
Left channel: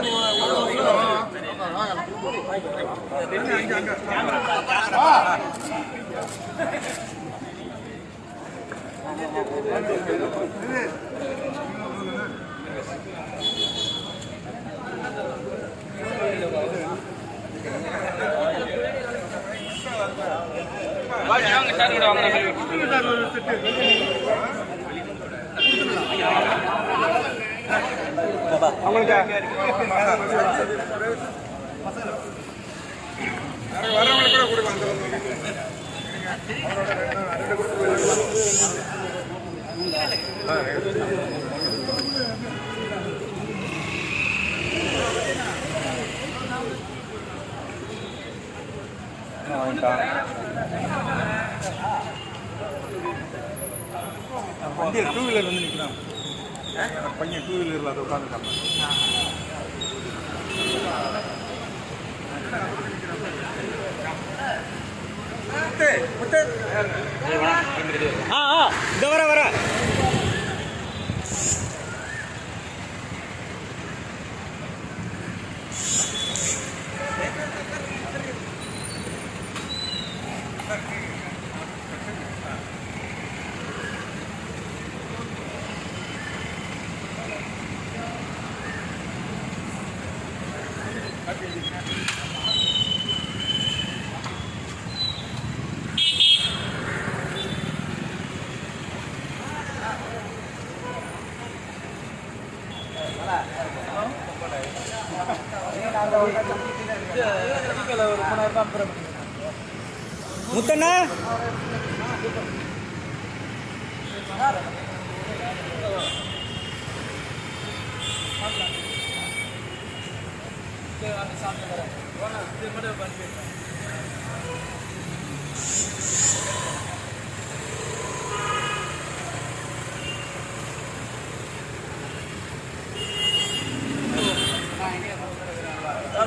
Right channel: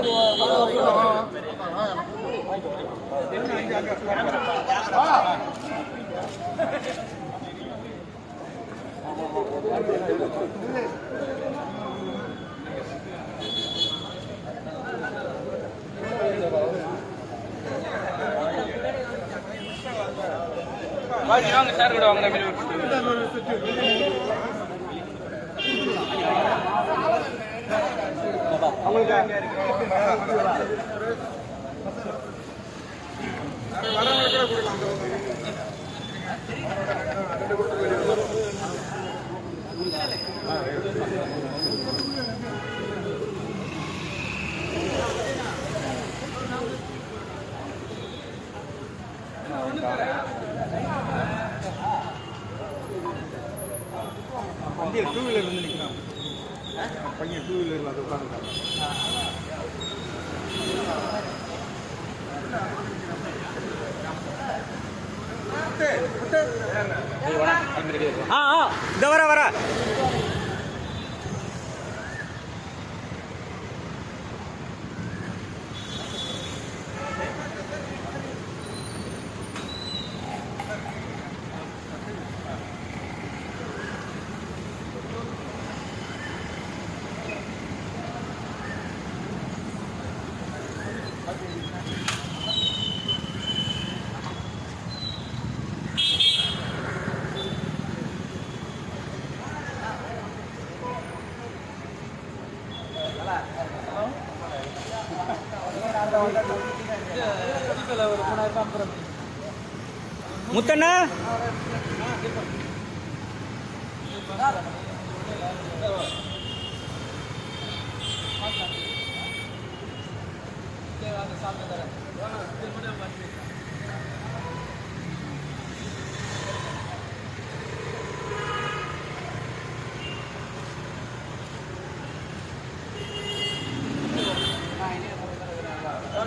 டூ-வீலர் வந்து நிற்கிறான் பையன், டூ-வீலரில் அதை உட்காந்துருக்காங்க. இந்த வர முத்தண்ணா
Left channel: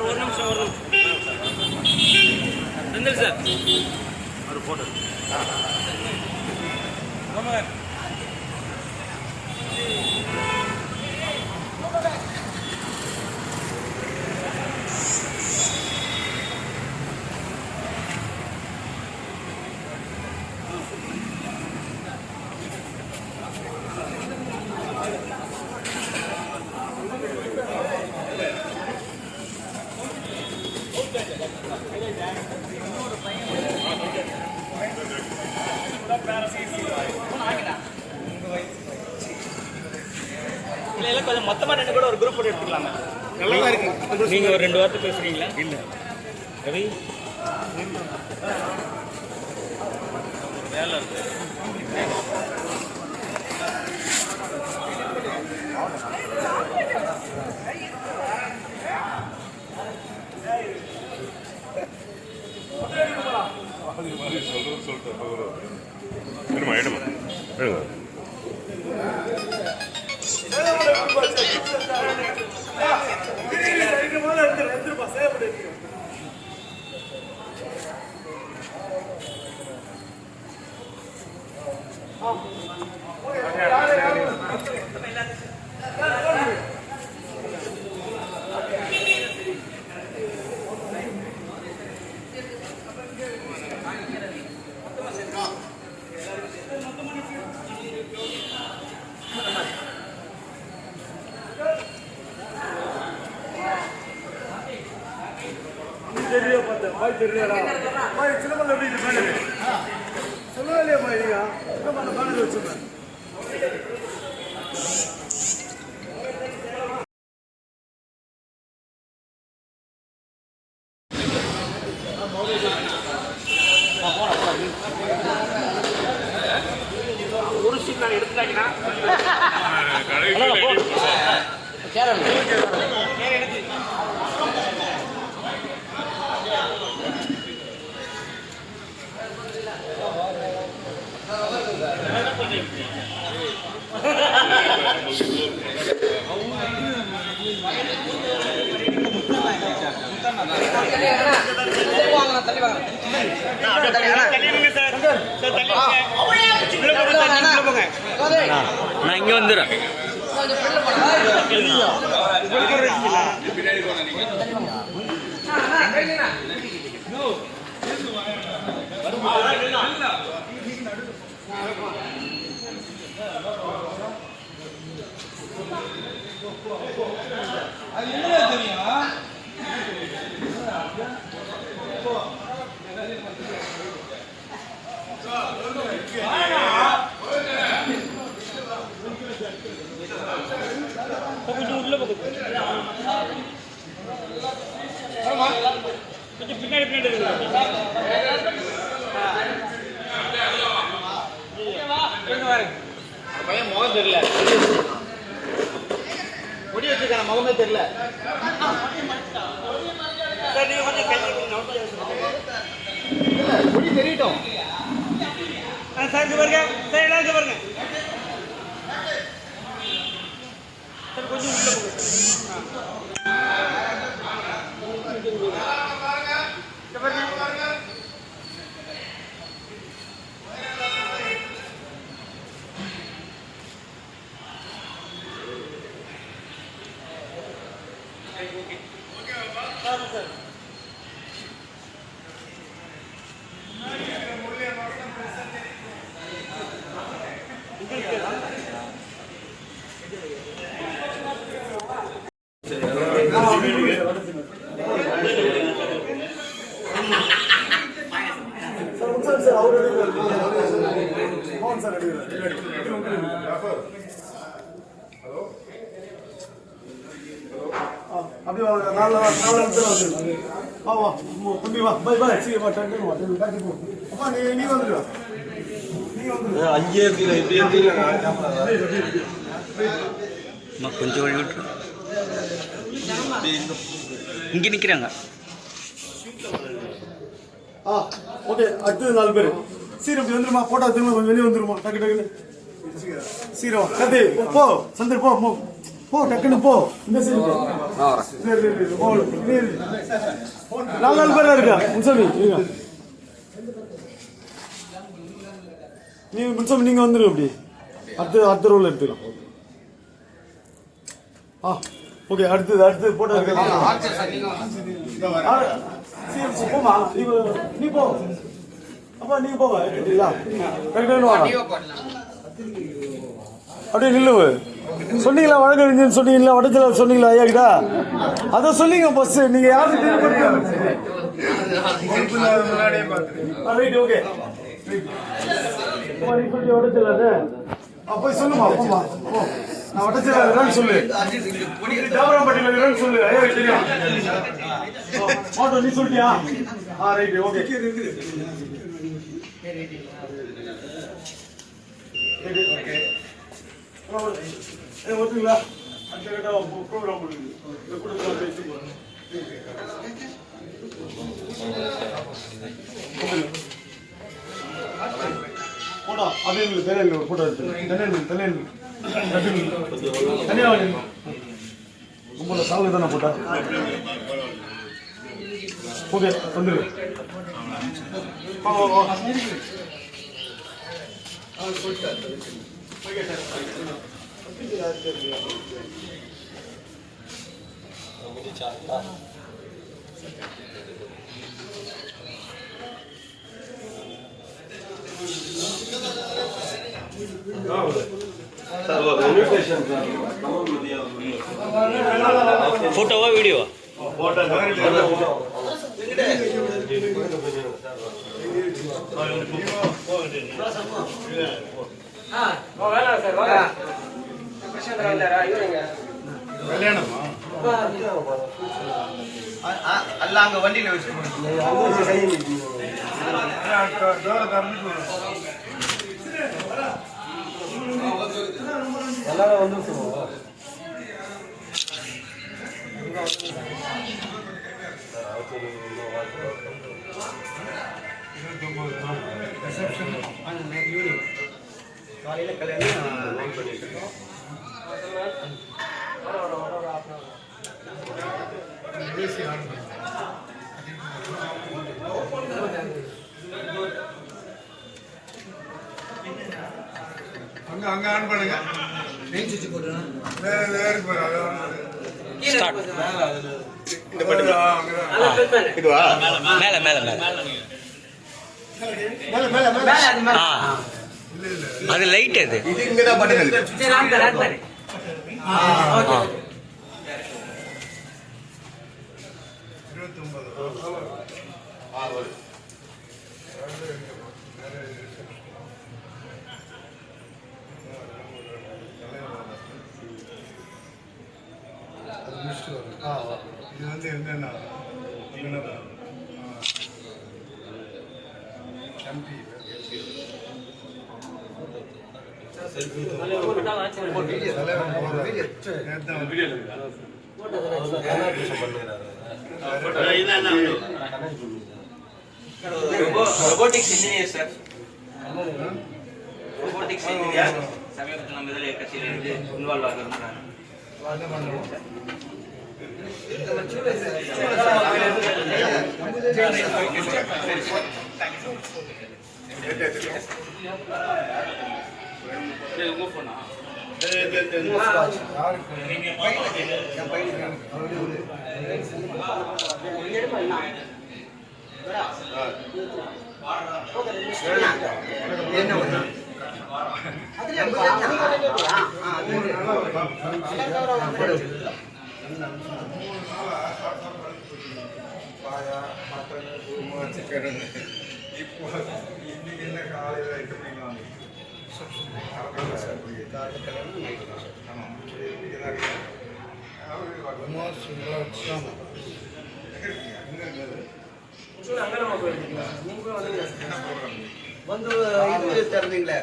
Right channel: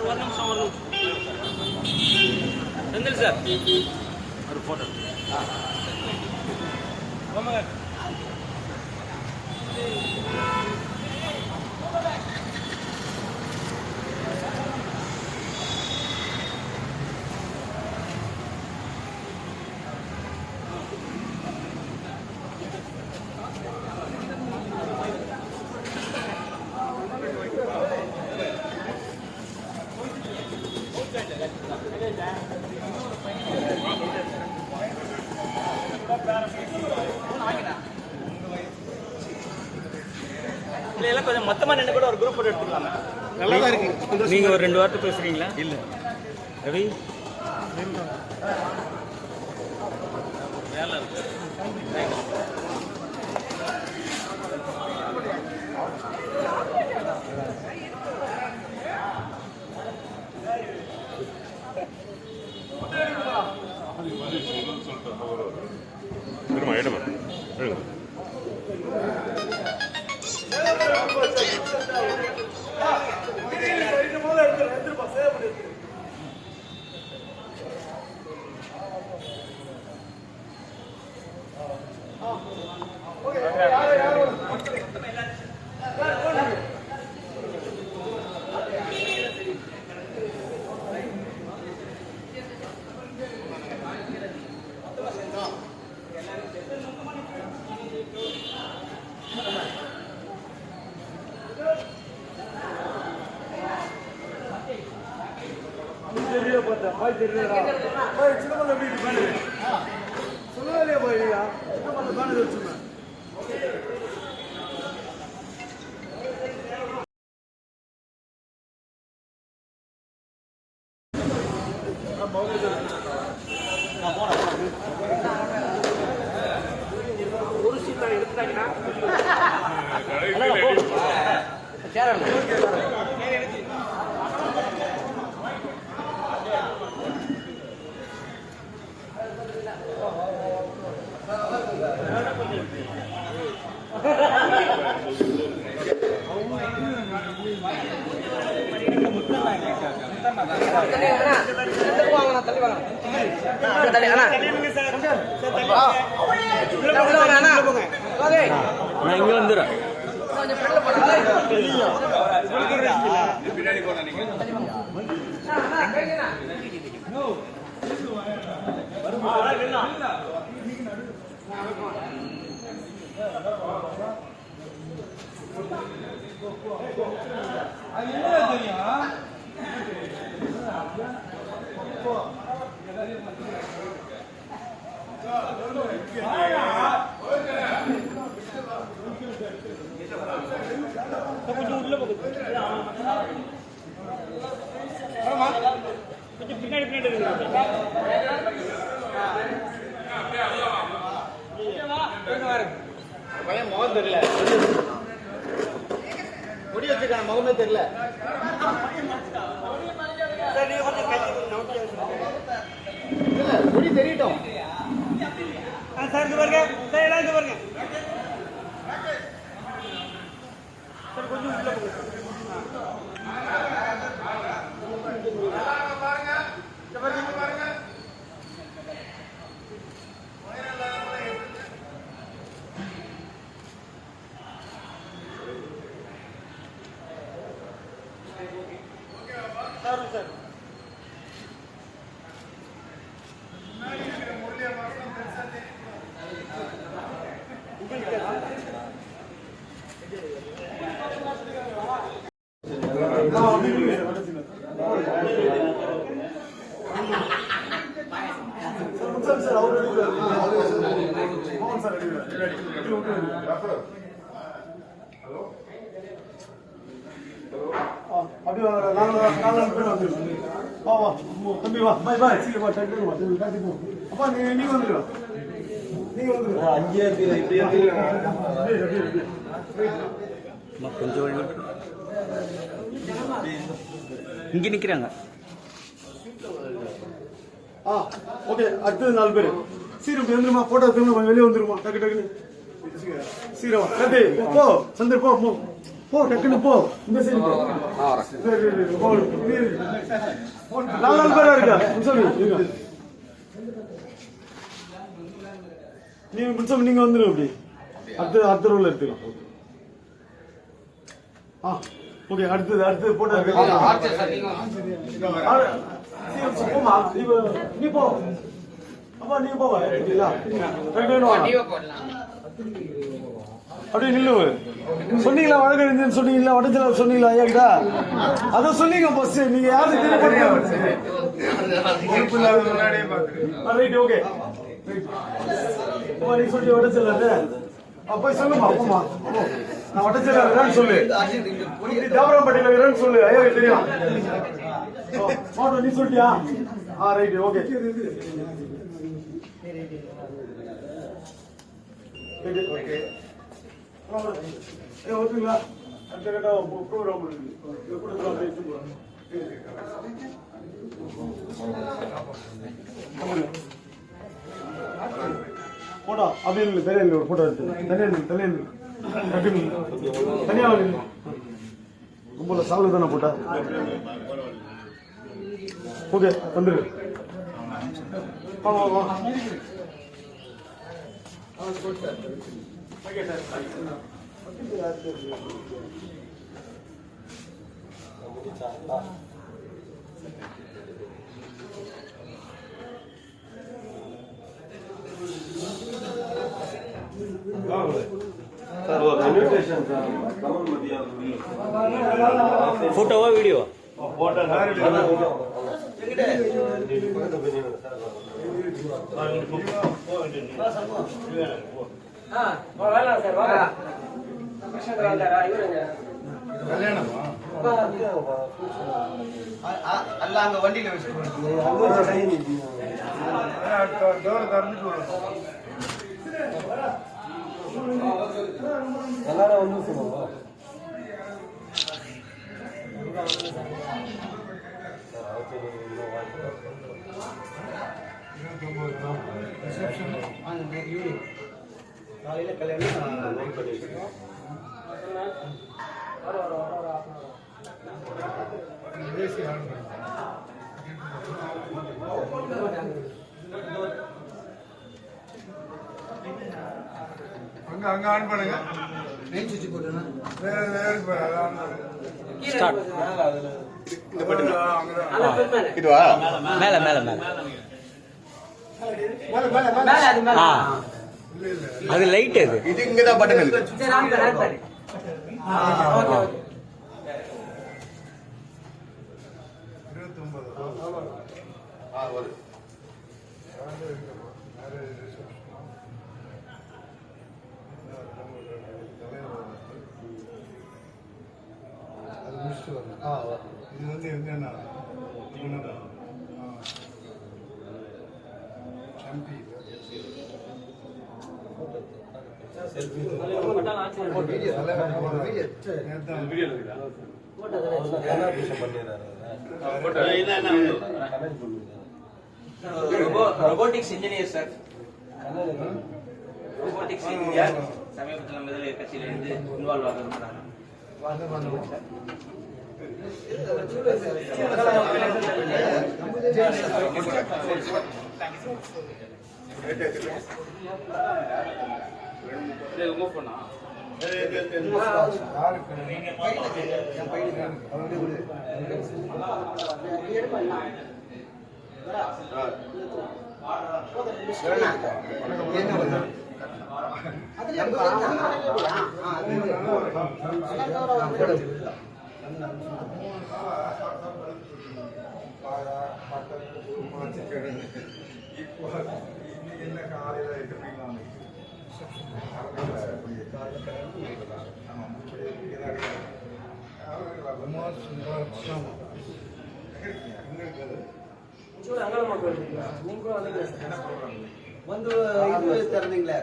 ஒரு நிமிஷம் செந்தில் சார் ஒரு போட்டோ ஆமாங்க கொஞ்சம் மொத்தமா நின்று கூட ஒரு குரூப் போட்டோ எடுத்துக்கலாமே. நீங்க ஒரு 2 வார்த்தை பேசுறீங்களா? இல்ல ரவி ஒரு வேலை இருக்கு. ஒரு சீட் நான் எடுத்துட்டாங்கன்னா நான் இங்க வந்துடுறேன். பையன் முகம் தெரியல, முடி வச்சிருக்கான முகமே தெரியல. முடி தெரியட்டும் சார். பாருங்க சார், எல்லாம் பாருங்க. கொஞ்சம் சார் அப்படியே வாங்க 4 நிமிஷம் வந்துடும் வா வா தம்பி வா பை பாய் சீக்கிரம் வா டக்கு வா டக்கு போ அப்பா நீ வந்துடு நீ வந்துடு 5 இப்படி கொஞ்சம் வழி விட்டு இங்கே நிற்கிறாங்க. ஓகே அடுத்தது 4 பேர் சீரம் இப்படி வந்துருமா போட்டோ எடுத்துங்க வெளியே வந்துருமா டக்கு டக்கு சீரம் கதை போ சந்தர் போ போ டக்குன்னு போ இந்த சைடு போ நாலு பேரா இருக்கா முன்சாமி நீங்க முன்சாமி நீங்க வந்துருங்க அப்படி அடுத்த ரோல எடுத்துக்கலாம். ஓகே அடுத்தது போட்டோ போமா நீ போ அப்பா நீங்க போவா அப்படியே நில்லுவு சொன்னீங்களா வழக்கறிஞர் சொன்னீங்களா வடச்சல சொன்னீங்களா ஐயா கிட்ட அத சொன்னீங்க பஸ் நீங்க யாருக்கு ரைட் ஓகே நீ சொல்லி வடச்சல போய் சொல்லுமா போமா நான் வடச்சல இருக்கேன்னு சொல்லு தேவராம்பட்டியில இருக்கேன்னு சொல்லு ஐயா தெரியும் நீ சொல்லிட்டியா ரைட் ஓகே ஓகே ஓகேங்களா அந்த கட்ட ப்ரோக்ராம் போட்டா அது தலையில் ஒரு போட்டோ எடுத்து தலையில் தனியாக ரொம்ப சாவு தானே போட்டா ஓகே வந்துரு ஃபோட்டோவா வீடியோவா? அல்ல அங்க வண்டியில வச்சு எல்லாரும் வந்து சொல்லுவோம் காலையில கல்யாணம் அங்க ஆன் பண்ணுங்க ஸ்டார்ட். இதுவா மேல மேல மேல அது லைட் அது. இது இங்கதான் பட்டன் இருக்கு. இது வந்து என்னன்னா MP robotics engineer sir. Robotics engineer சமீபத்தில் நம்ம இதில் கட்சியிலிருந்து இன்வால்வ் ஆக விரும்புகிறாங்க. வந்து இது திறந்தீங்களே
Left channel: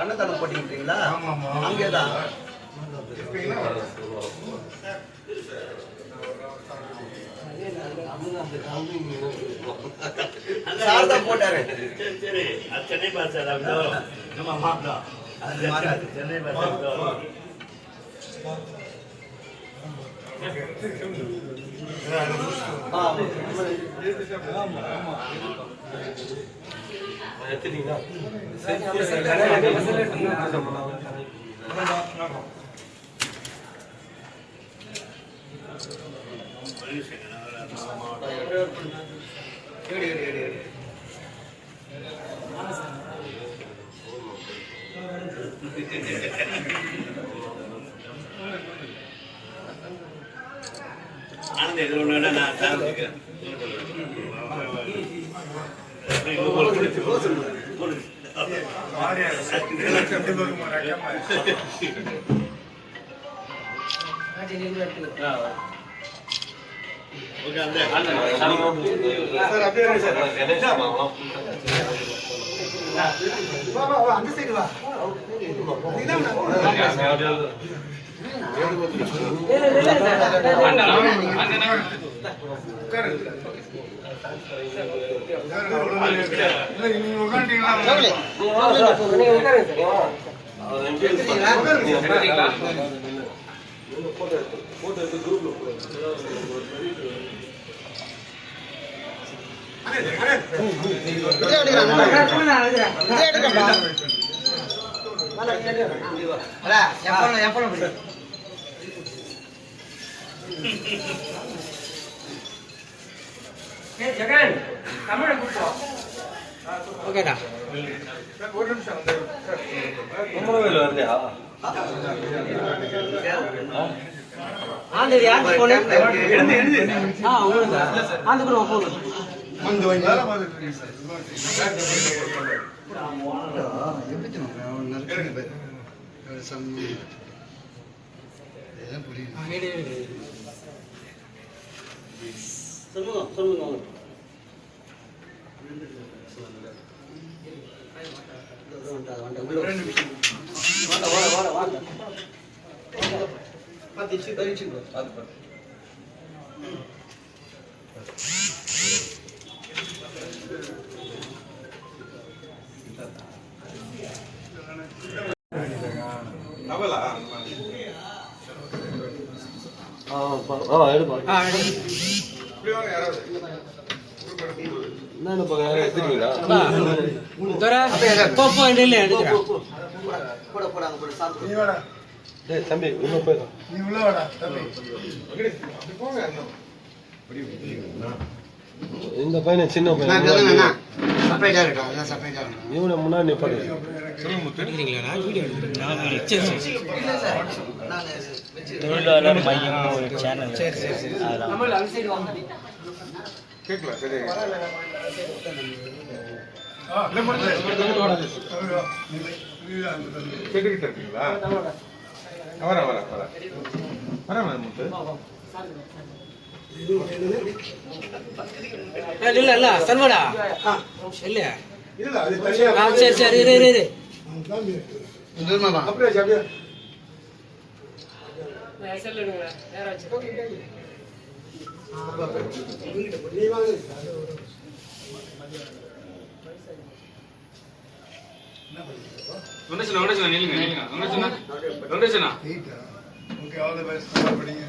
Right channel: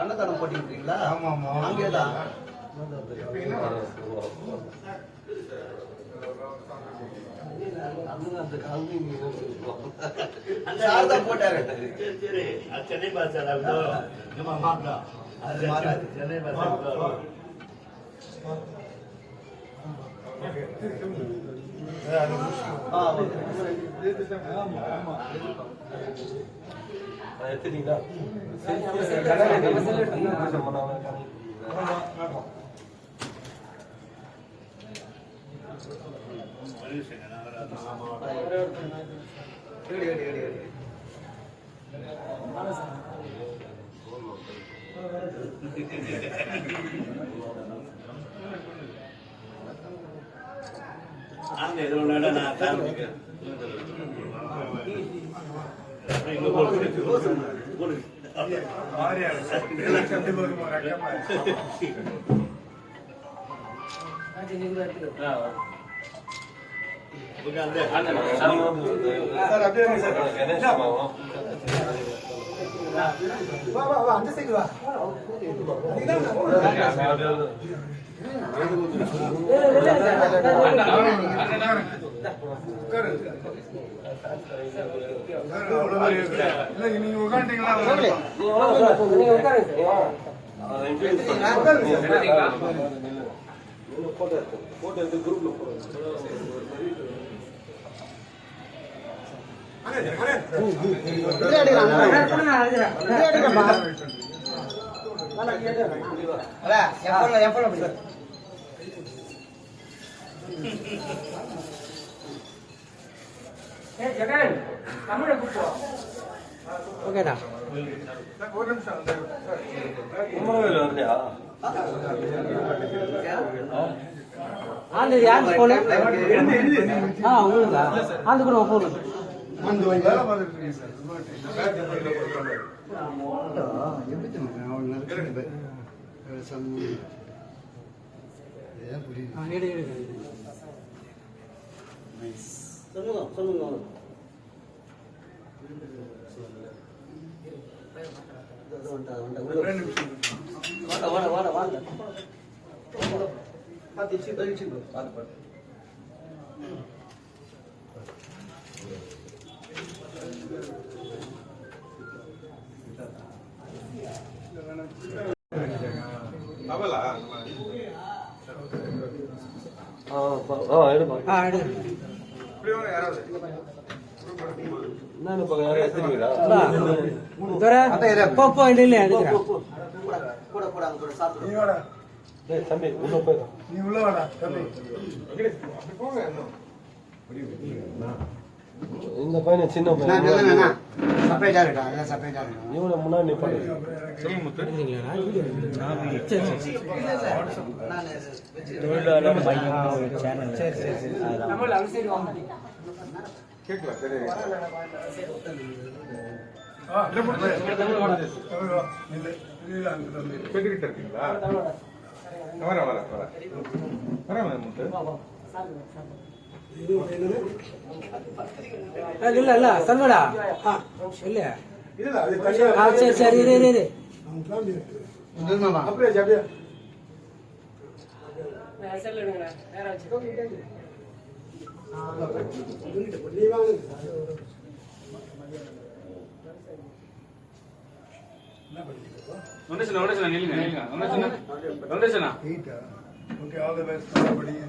அன்னதானம் போட்டிருக்கீங்களா? அங்கேதான் சார் தான் போட்டாரு. சென்னை பாஸ் நம்ம மாப்பிளா அது மாறாது. சென்னை பாஸ் ஆனந்த இதோட நான் சாப்பிட்டுக்கிறேன். அந்த சைடு வா. ஓகேடா ஒரு நிமிஷம் ஆந்து யார் போனே உங்களுக்கு ஆந்து கூட போன் வந்து வேலை பார்த்துட்டு இருக்கேன் சொல்லுங்க தம்பி நீ உள்ள வாடா தம்பி போங்க இந்த பையன் சின்ன பையன் இவனை முன்னாடி நிப்பாடு. தொழிலாளர் மையம் ஒரு சேனல். கேட்கலாம் சரி கேட்டுக்கிட்டு இருக்கீங்களா? வர வர வர வர முத்து இல்ல இல்ல சர்வடா இல்ல இல்ல அது தனியா சரி சரி இரு இரு இரு அப்படியே அப்படியே நீ வாங்க ஓகே ஆல் தி பெஸ்ட் நல்லா படிங்க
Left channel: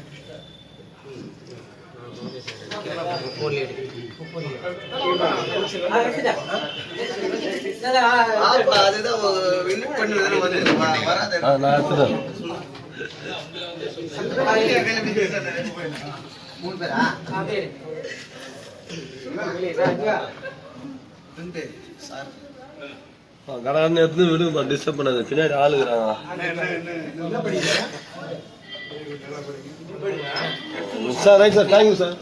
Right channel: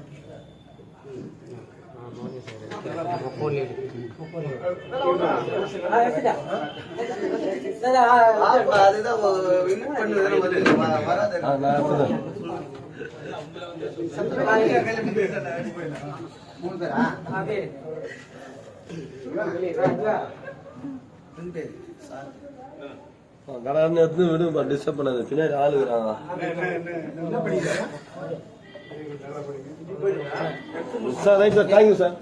அதுதான் வின் பண்ணுறதுல வந்து வராது. மூணு பேரா? கடான்னு எடுத்து விடுங்க, டிஸ்டர்ப் பண்ணாது. பின்னாடி ஆளுகிறாங்க sir. Right sir, thank you sir.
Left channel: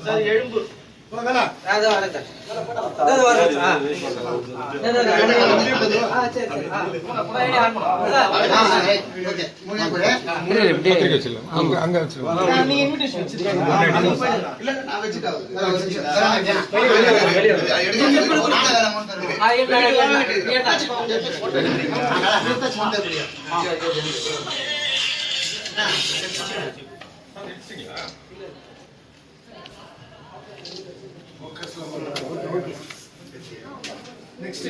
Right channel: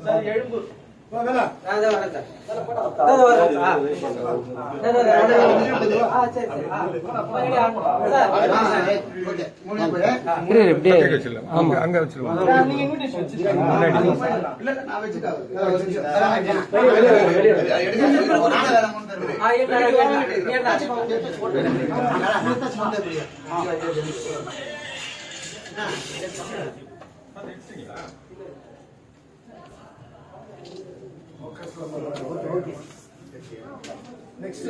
Next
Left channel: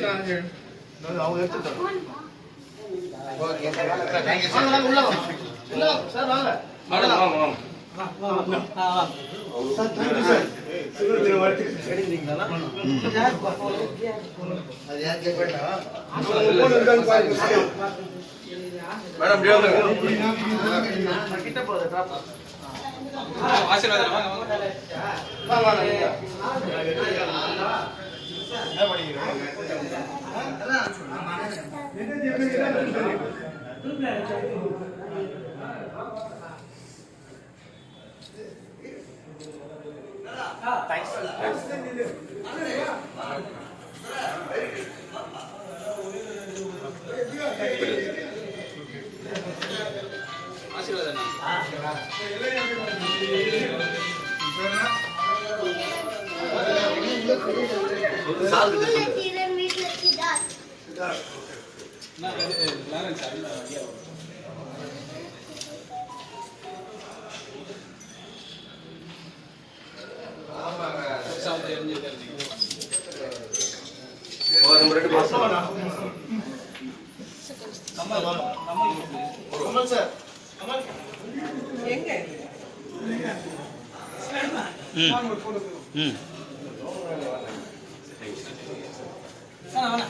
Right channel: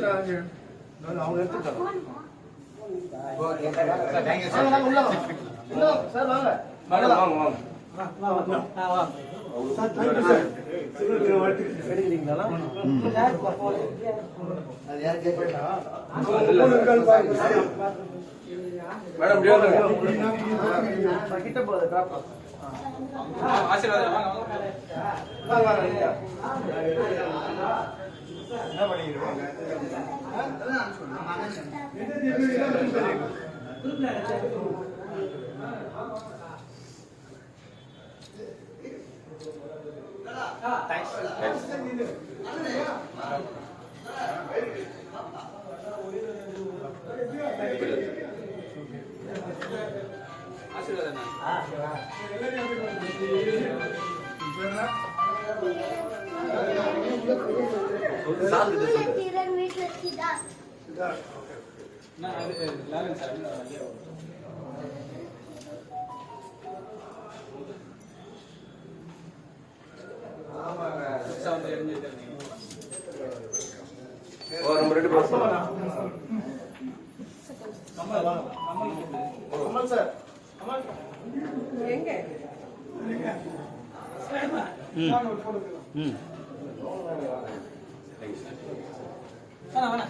அவங்க எடுத்துட்டாங்க. சார் வாங்க. Sir thank you sir. சுதந்திர வாழ்த்துக்கள் கிடைக்கிறீங்களா? அது யார் கேட்பா? போன் இருக்கான்னு பாருங்க சார். மேடம் கிட்ட போறத காப்பா. ஆசீர்வாதம் வாங்க வாங்க. என்ன பண்ணிக்கிறீங்க?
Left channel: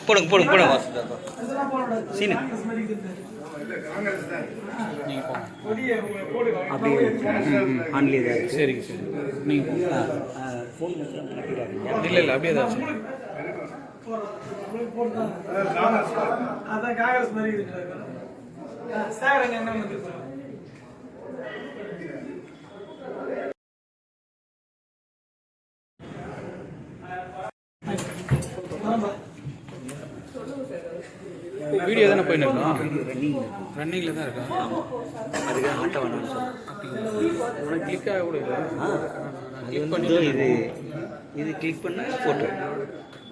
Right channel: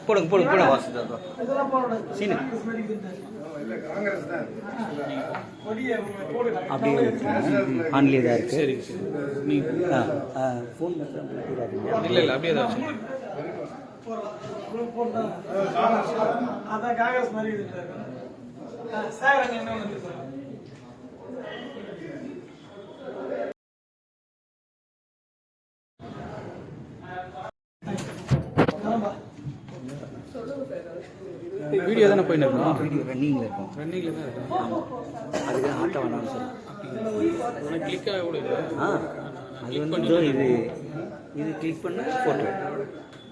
போடுங்க போடுங்க போடுங்க சீனு அப்படியே ஆன்லி தான் இருக்கு. சரி சரி நீங்கள் ஃபோன் இல்லை இல்லை அப்படியே தான் அதான் காங்கிரஸ் மாதிரி சார் அங்கே என்ன வந்து வீடியோ தானே போயிட்டு இருக்கோம். ரன்னிங்கில் தான் இருக்கா. அதுக்கு ஆட்ட வேணாம்னு சொல்லி உனக்கு கிளிக் ஆக கூட இல்லை. அது வந்து இது கிளிக் பண்ண ஃபோட்டோ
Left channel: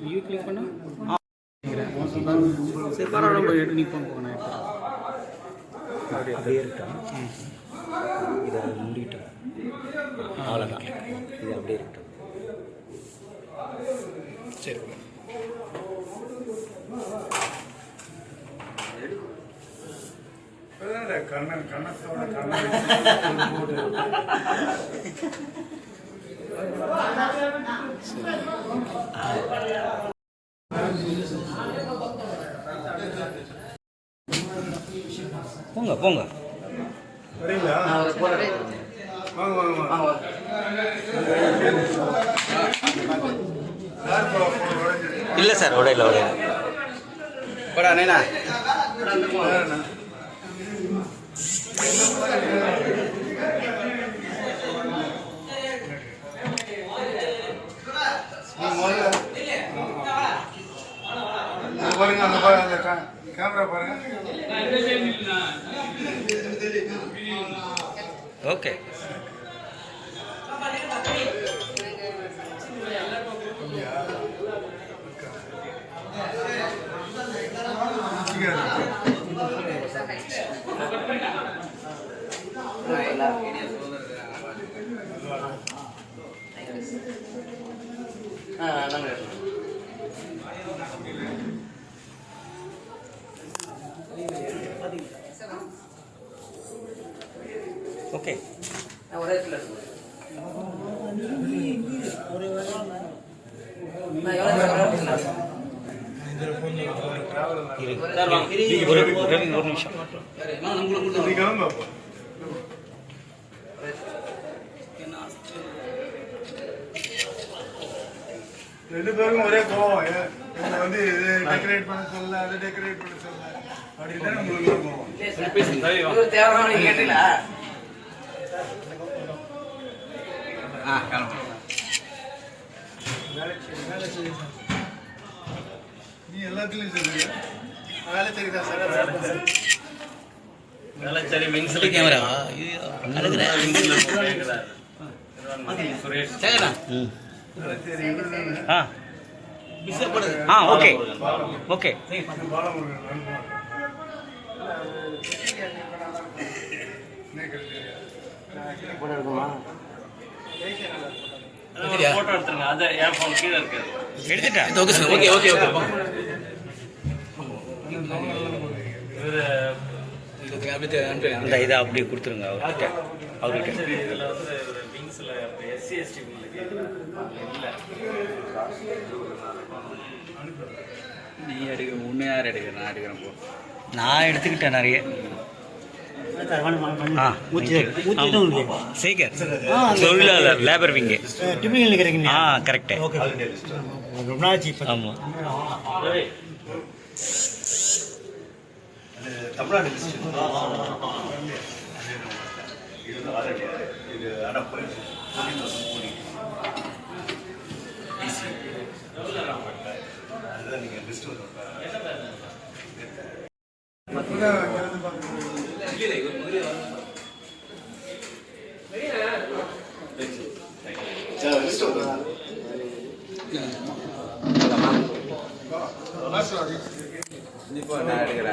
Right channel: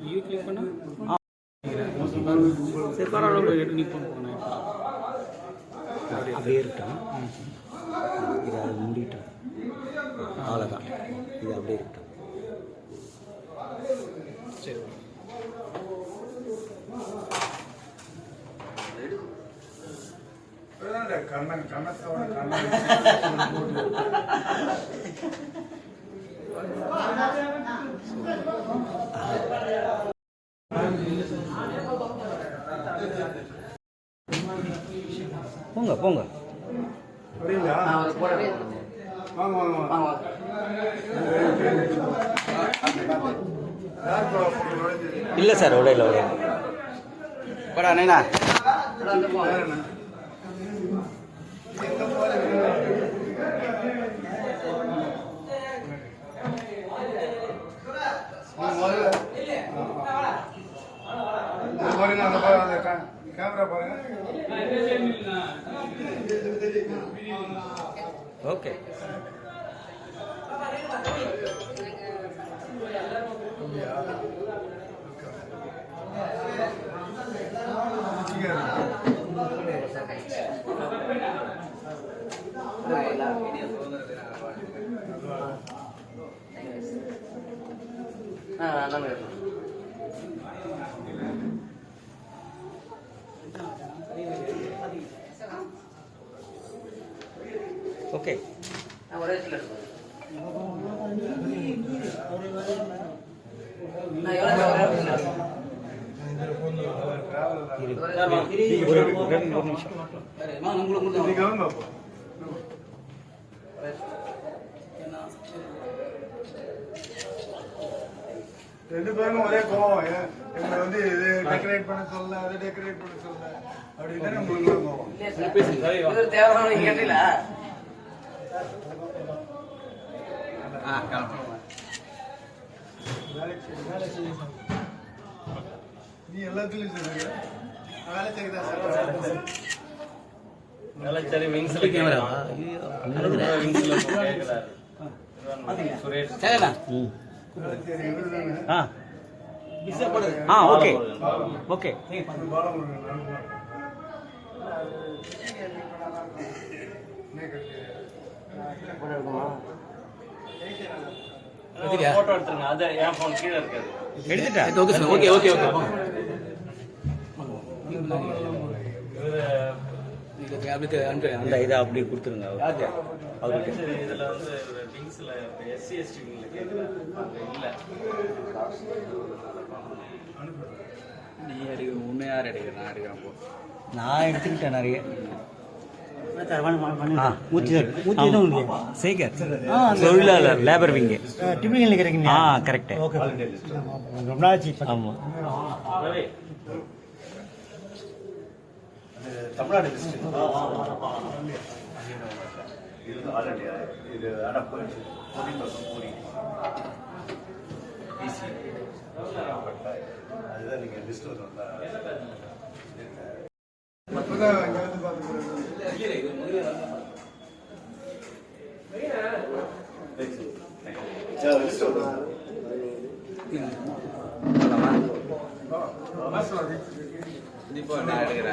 இது கிளிக் பண்ணால் சரி பரவாயில்ல எடுத்து நிற்போம் போனேன். அப்படியே இருக்கட்டும். இதை மூடிட்டோம் அவ்வளோதான். இது அப்படியே இருக்கட்டும். சரி கண்ணன் கண்ணத்தோட கண்ணன் போங்க போங்க வரீங்களா? வாங்க வாங்க வாங்க. இல்லை சார் உடையில உடையில அண்ணா பாருங்க அங்க பாருங்க அந்த கேமரா பாருங்க. ஓகே ஓகே ஒரே இடத்துல ஒரு நிமிஷம் ரெண்டு பேருக்கும் ஒரே கோவம். என்னை வந்து இது டெக்கரேட் பண்ண சொல்லல, அதை டெக்கரேட் பண்ண சொல்லல அப்படின்னு தான் உங்களுக்கு கோவம். தேவையான கேட்டீங்களா? நீ எல்லாத்துலயும் சொல்லுங்க வேலை சரிதான் சார் வேளச்சேரி விங்ஸ்ல கேமராவா சுரேஷ் ஓகே ஓகே போட்டோ எடுத்துருங்க அது என் ஃபோன் கீழே இருக்காது எடுத்துட்டா ஓகே ஓகே ஓகே இந்த இதை அப்படியே கொடுத்துருங்க அவர்கிட்ட இதில் வந்து விங்ஸில் எஸ்சி எஸ்டி இல்லை நீ எடுக்க உண்மையாக எடுக்க நான் எடுக்கிறேன் போ நான் எடுத்துக்கிட்டேன் நிறைய சேகர் தொழிலாளர் லேபர் விங்கு கரெக்டு ஆமாம் தமிழ்நாடு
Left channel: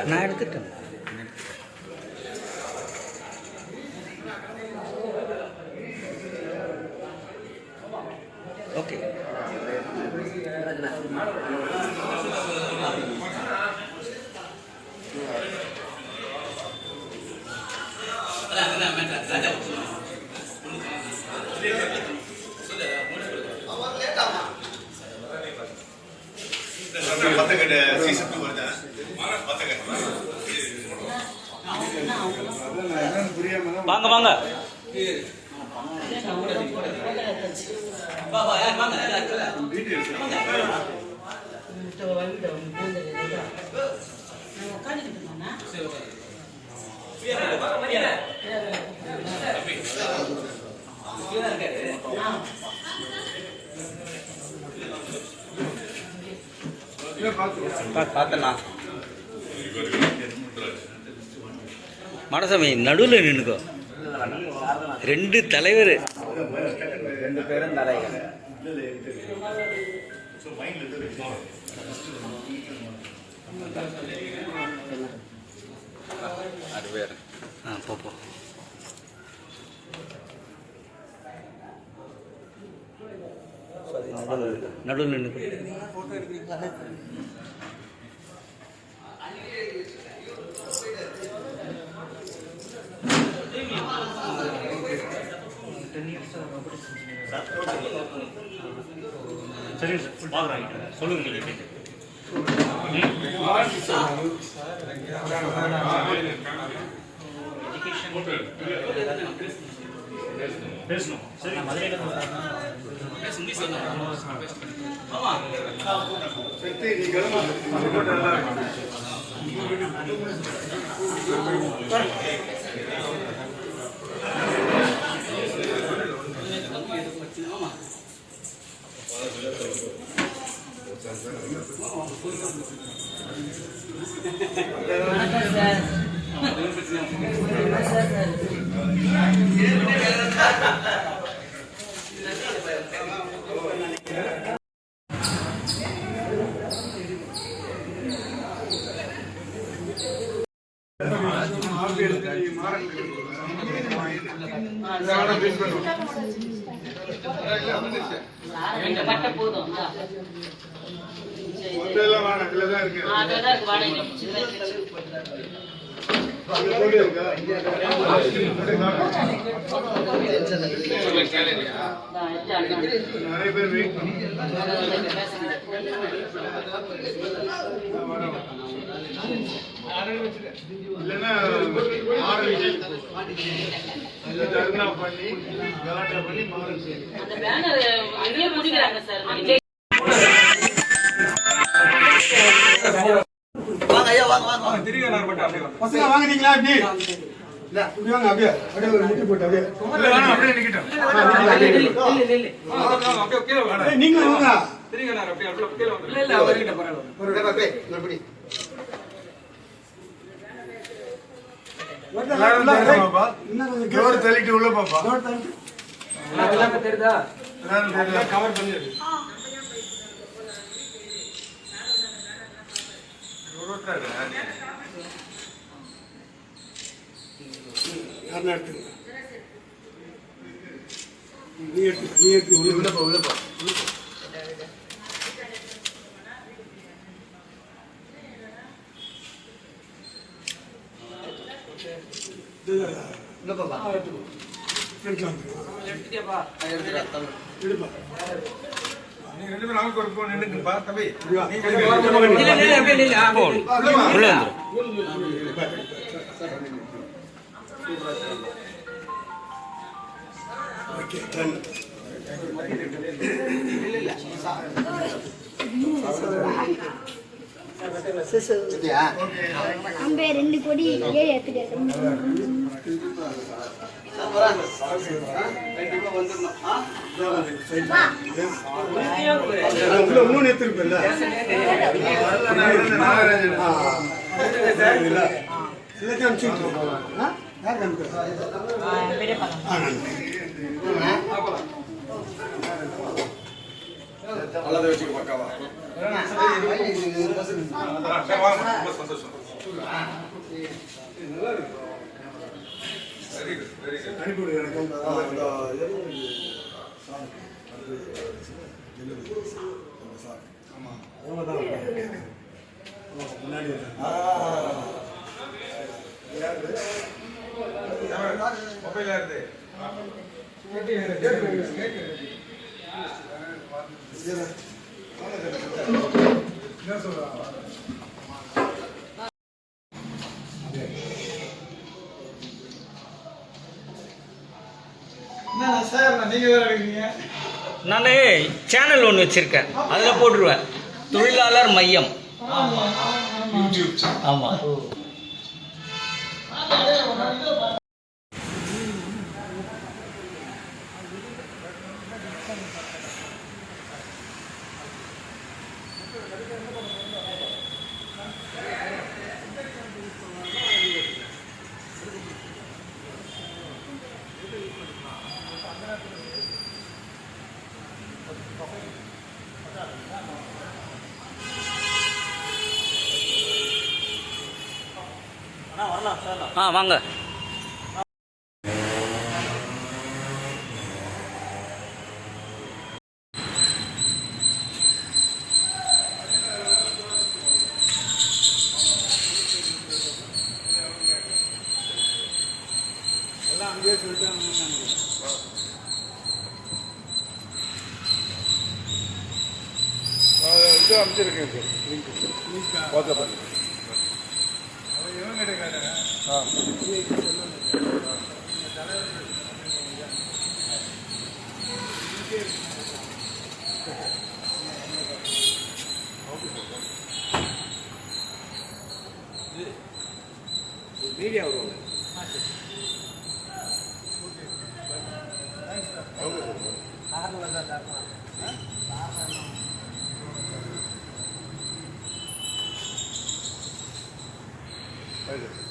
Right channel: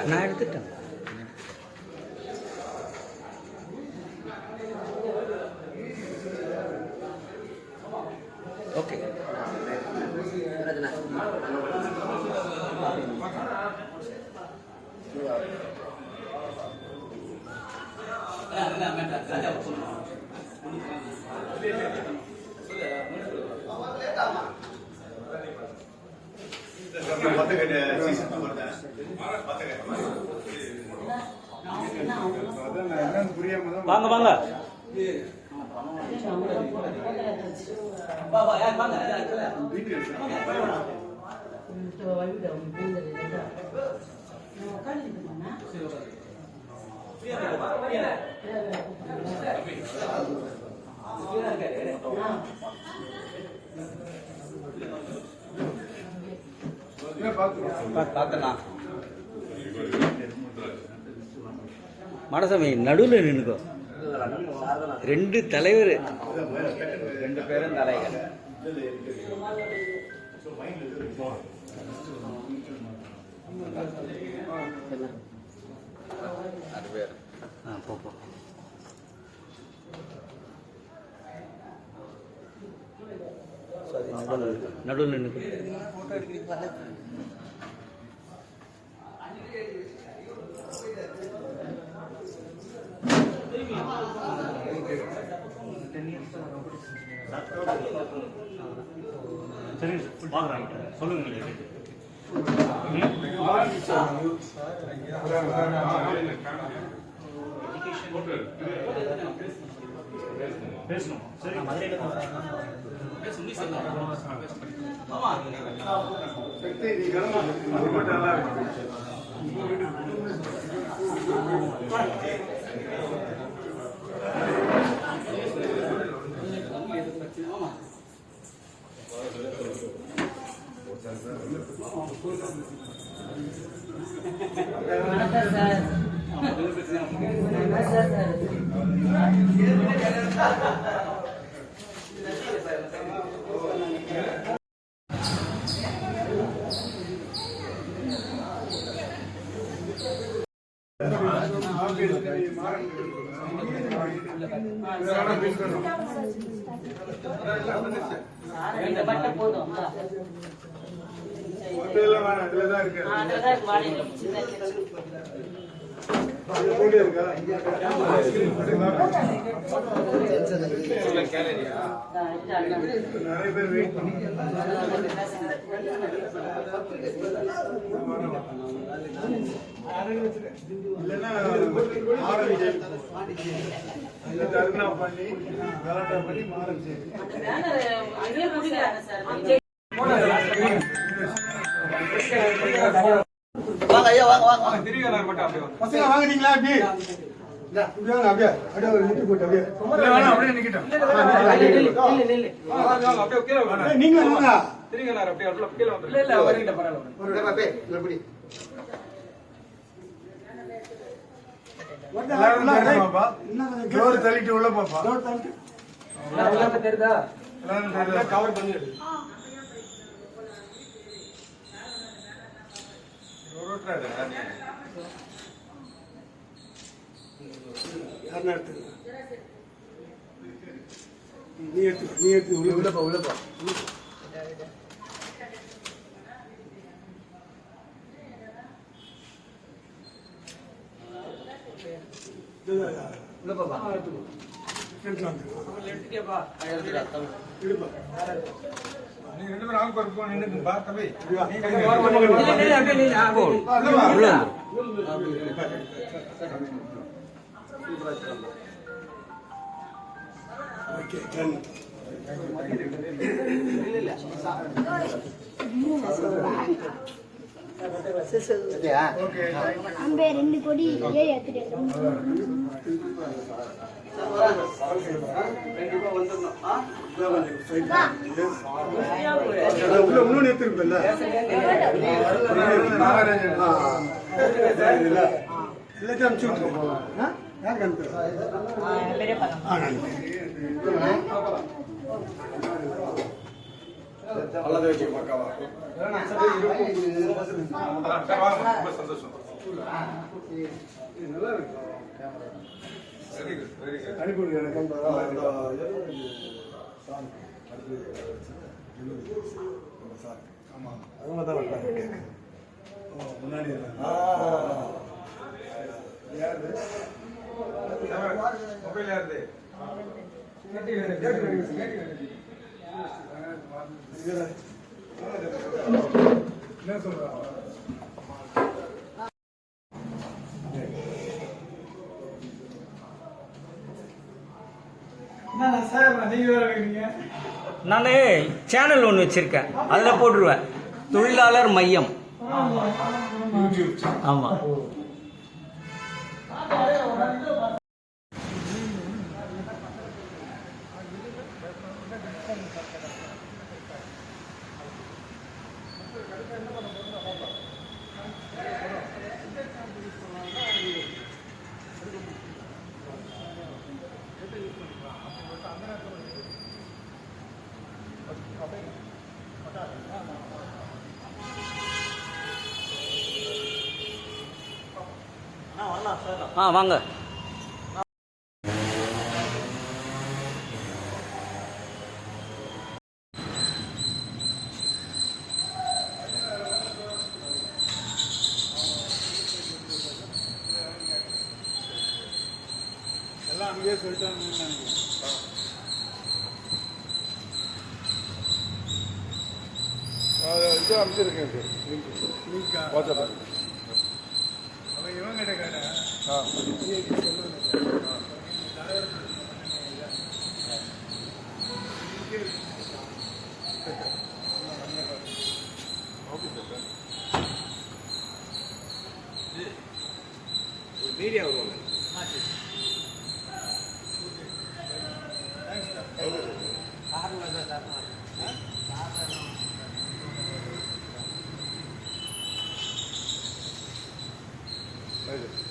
நான் எடுத்துட்டேன் ஓகே வாங்க வாங்க மனசாமி நடுவில் நின்னுக்கோ ரெண்டு தலைவர் ரெண்டு பேரும் தலைவர் போ நடுவில் நின்னுக்கோ சரி சொல்லுங்க பேசணும் நிறைய பேர் வெயிட் இல்லைன்னா தர்ணா பண்ணி கலாட்டா பண்ணி மாறுச்சு பசங்க வாங்குறீங்களா அப்படி இல்ல இப்படி வாங்க அப்படியே அப்படியே ஒரு முட்டி போட்டு அப்படியே அப்படியே நிக்கிட்டோம் நீங்க வாங்க இல்ல இல்ல அவர்கிட்ட பரவாயில்ல. டோர் தள்ளிட்டு உள்ள பாப்பா. டோர் தள்ளிட்டு எல்லாமே தெரியுதா? கவர் பண்ணி எடு. யாருன்னா எடுத்துங்க. நீ எடுத்து உள்ளப்பா. ஃப்ரண்ட்ல வந்துரு. எடுத்துட்டியாப்பா? எடுப்பா. நீங்க ரெண்டு பேரும் ஆளுக்கு ஒரு போன் நின்னுக்குப்பா தம்பி. இல்ல இல்ல அப்படியே நில்லு. உள்ள வந்துரு. Okay done. அம்பே 2 கோடி 7 எடுத்துட்டு கண்டிப்பா வந்துடணும். உள்ள இன்னொன்னு எடுத்துருப்பல்ல. எல்லாத்தையும் அனுப்பிச்சு விட்டுருவோம். யாருக்கு அனுப்புறேன்? நல்லதை வச்சு பக்காவா அனுப்பி எனக்கு ஆமா அவங்க தான் முன்னாடி மொபைல் யாருது? என்ன சொல்றாங்க? நான் சேனல் ஒன்று வச்சுருக்கேன், அதில் போட்டுருவேன். தொழிலாளர் மையம். ஆமாம். வாங்க. எல்லாம் அங்கேயே சொல்லிட்டாங்க. இது அமைச்சிருக்கேன் சார். Link WhatsApp. அவன் இவன் கிட்ட கேட்டேன். மீடியா வருவாங்க. தேங்க்ஸ்.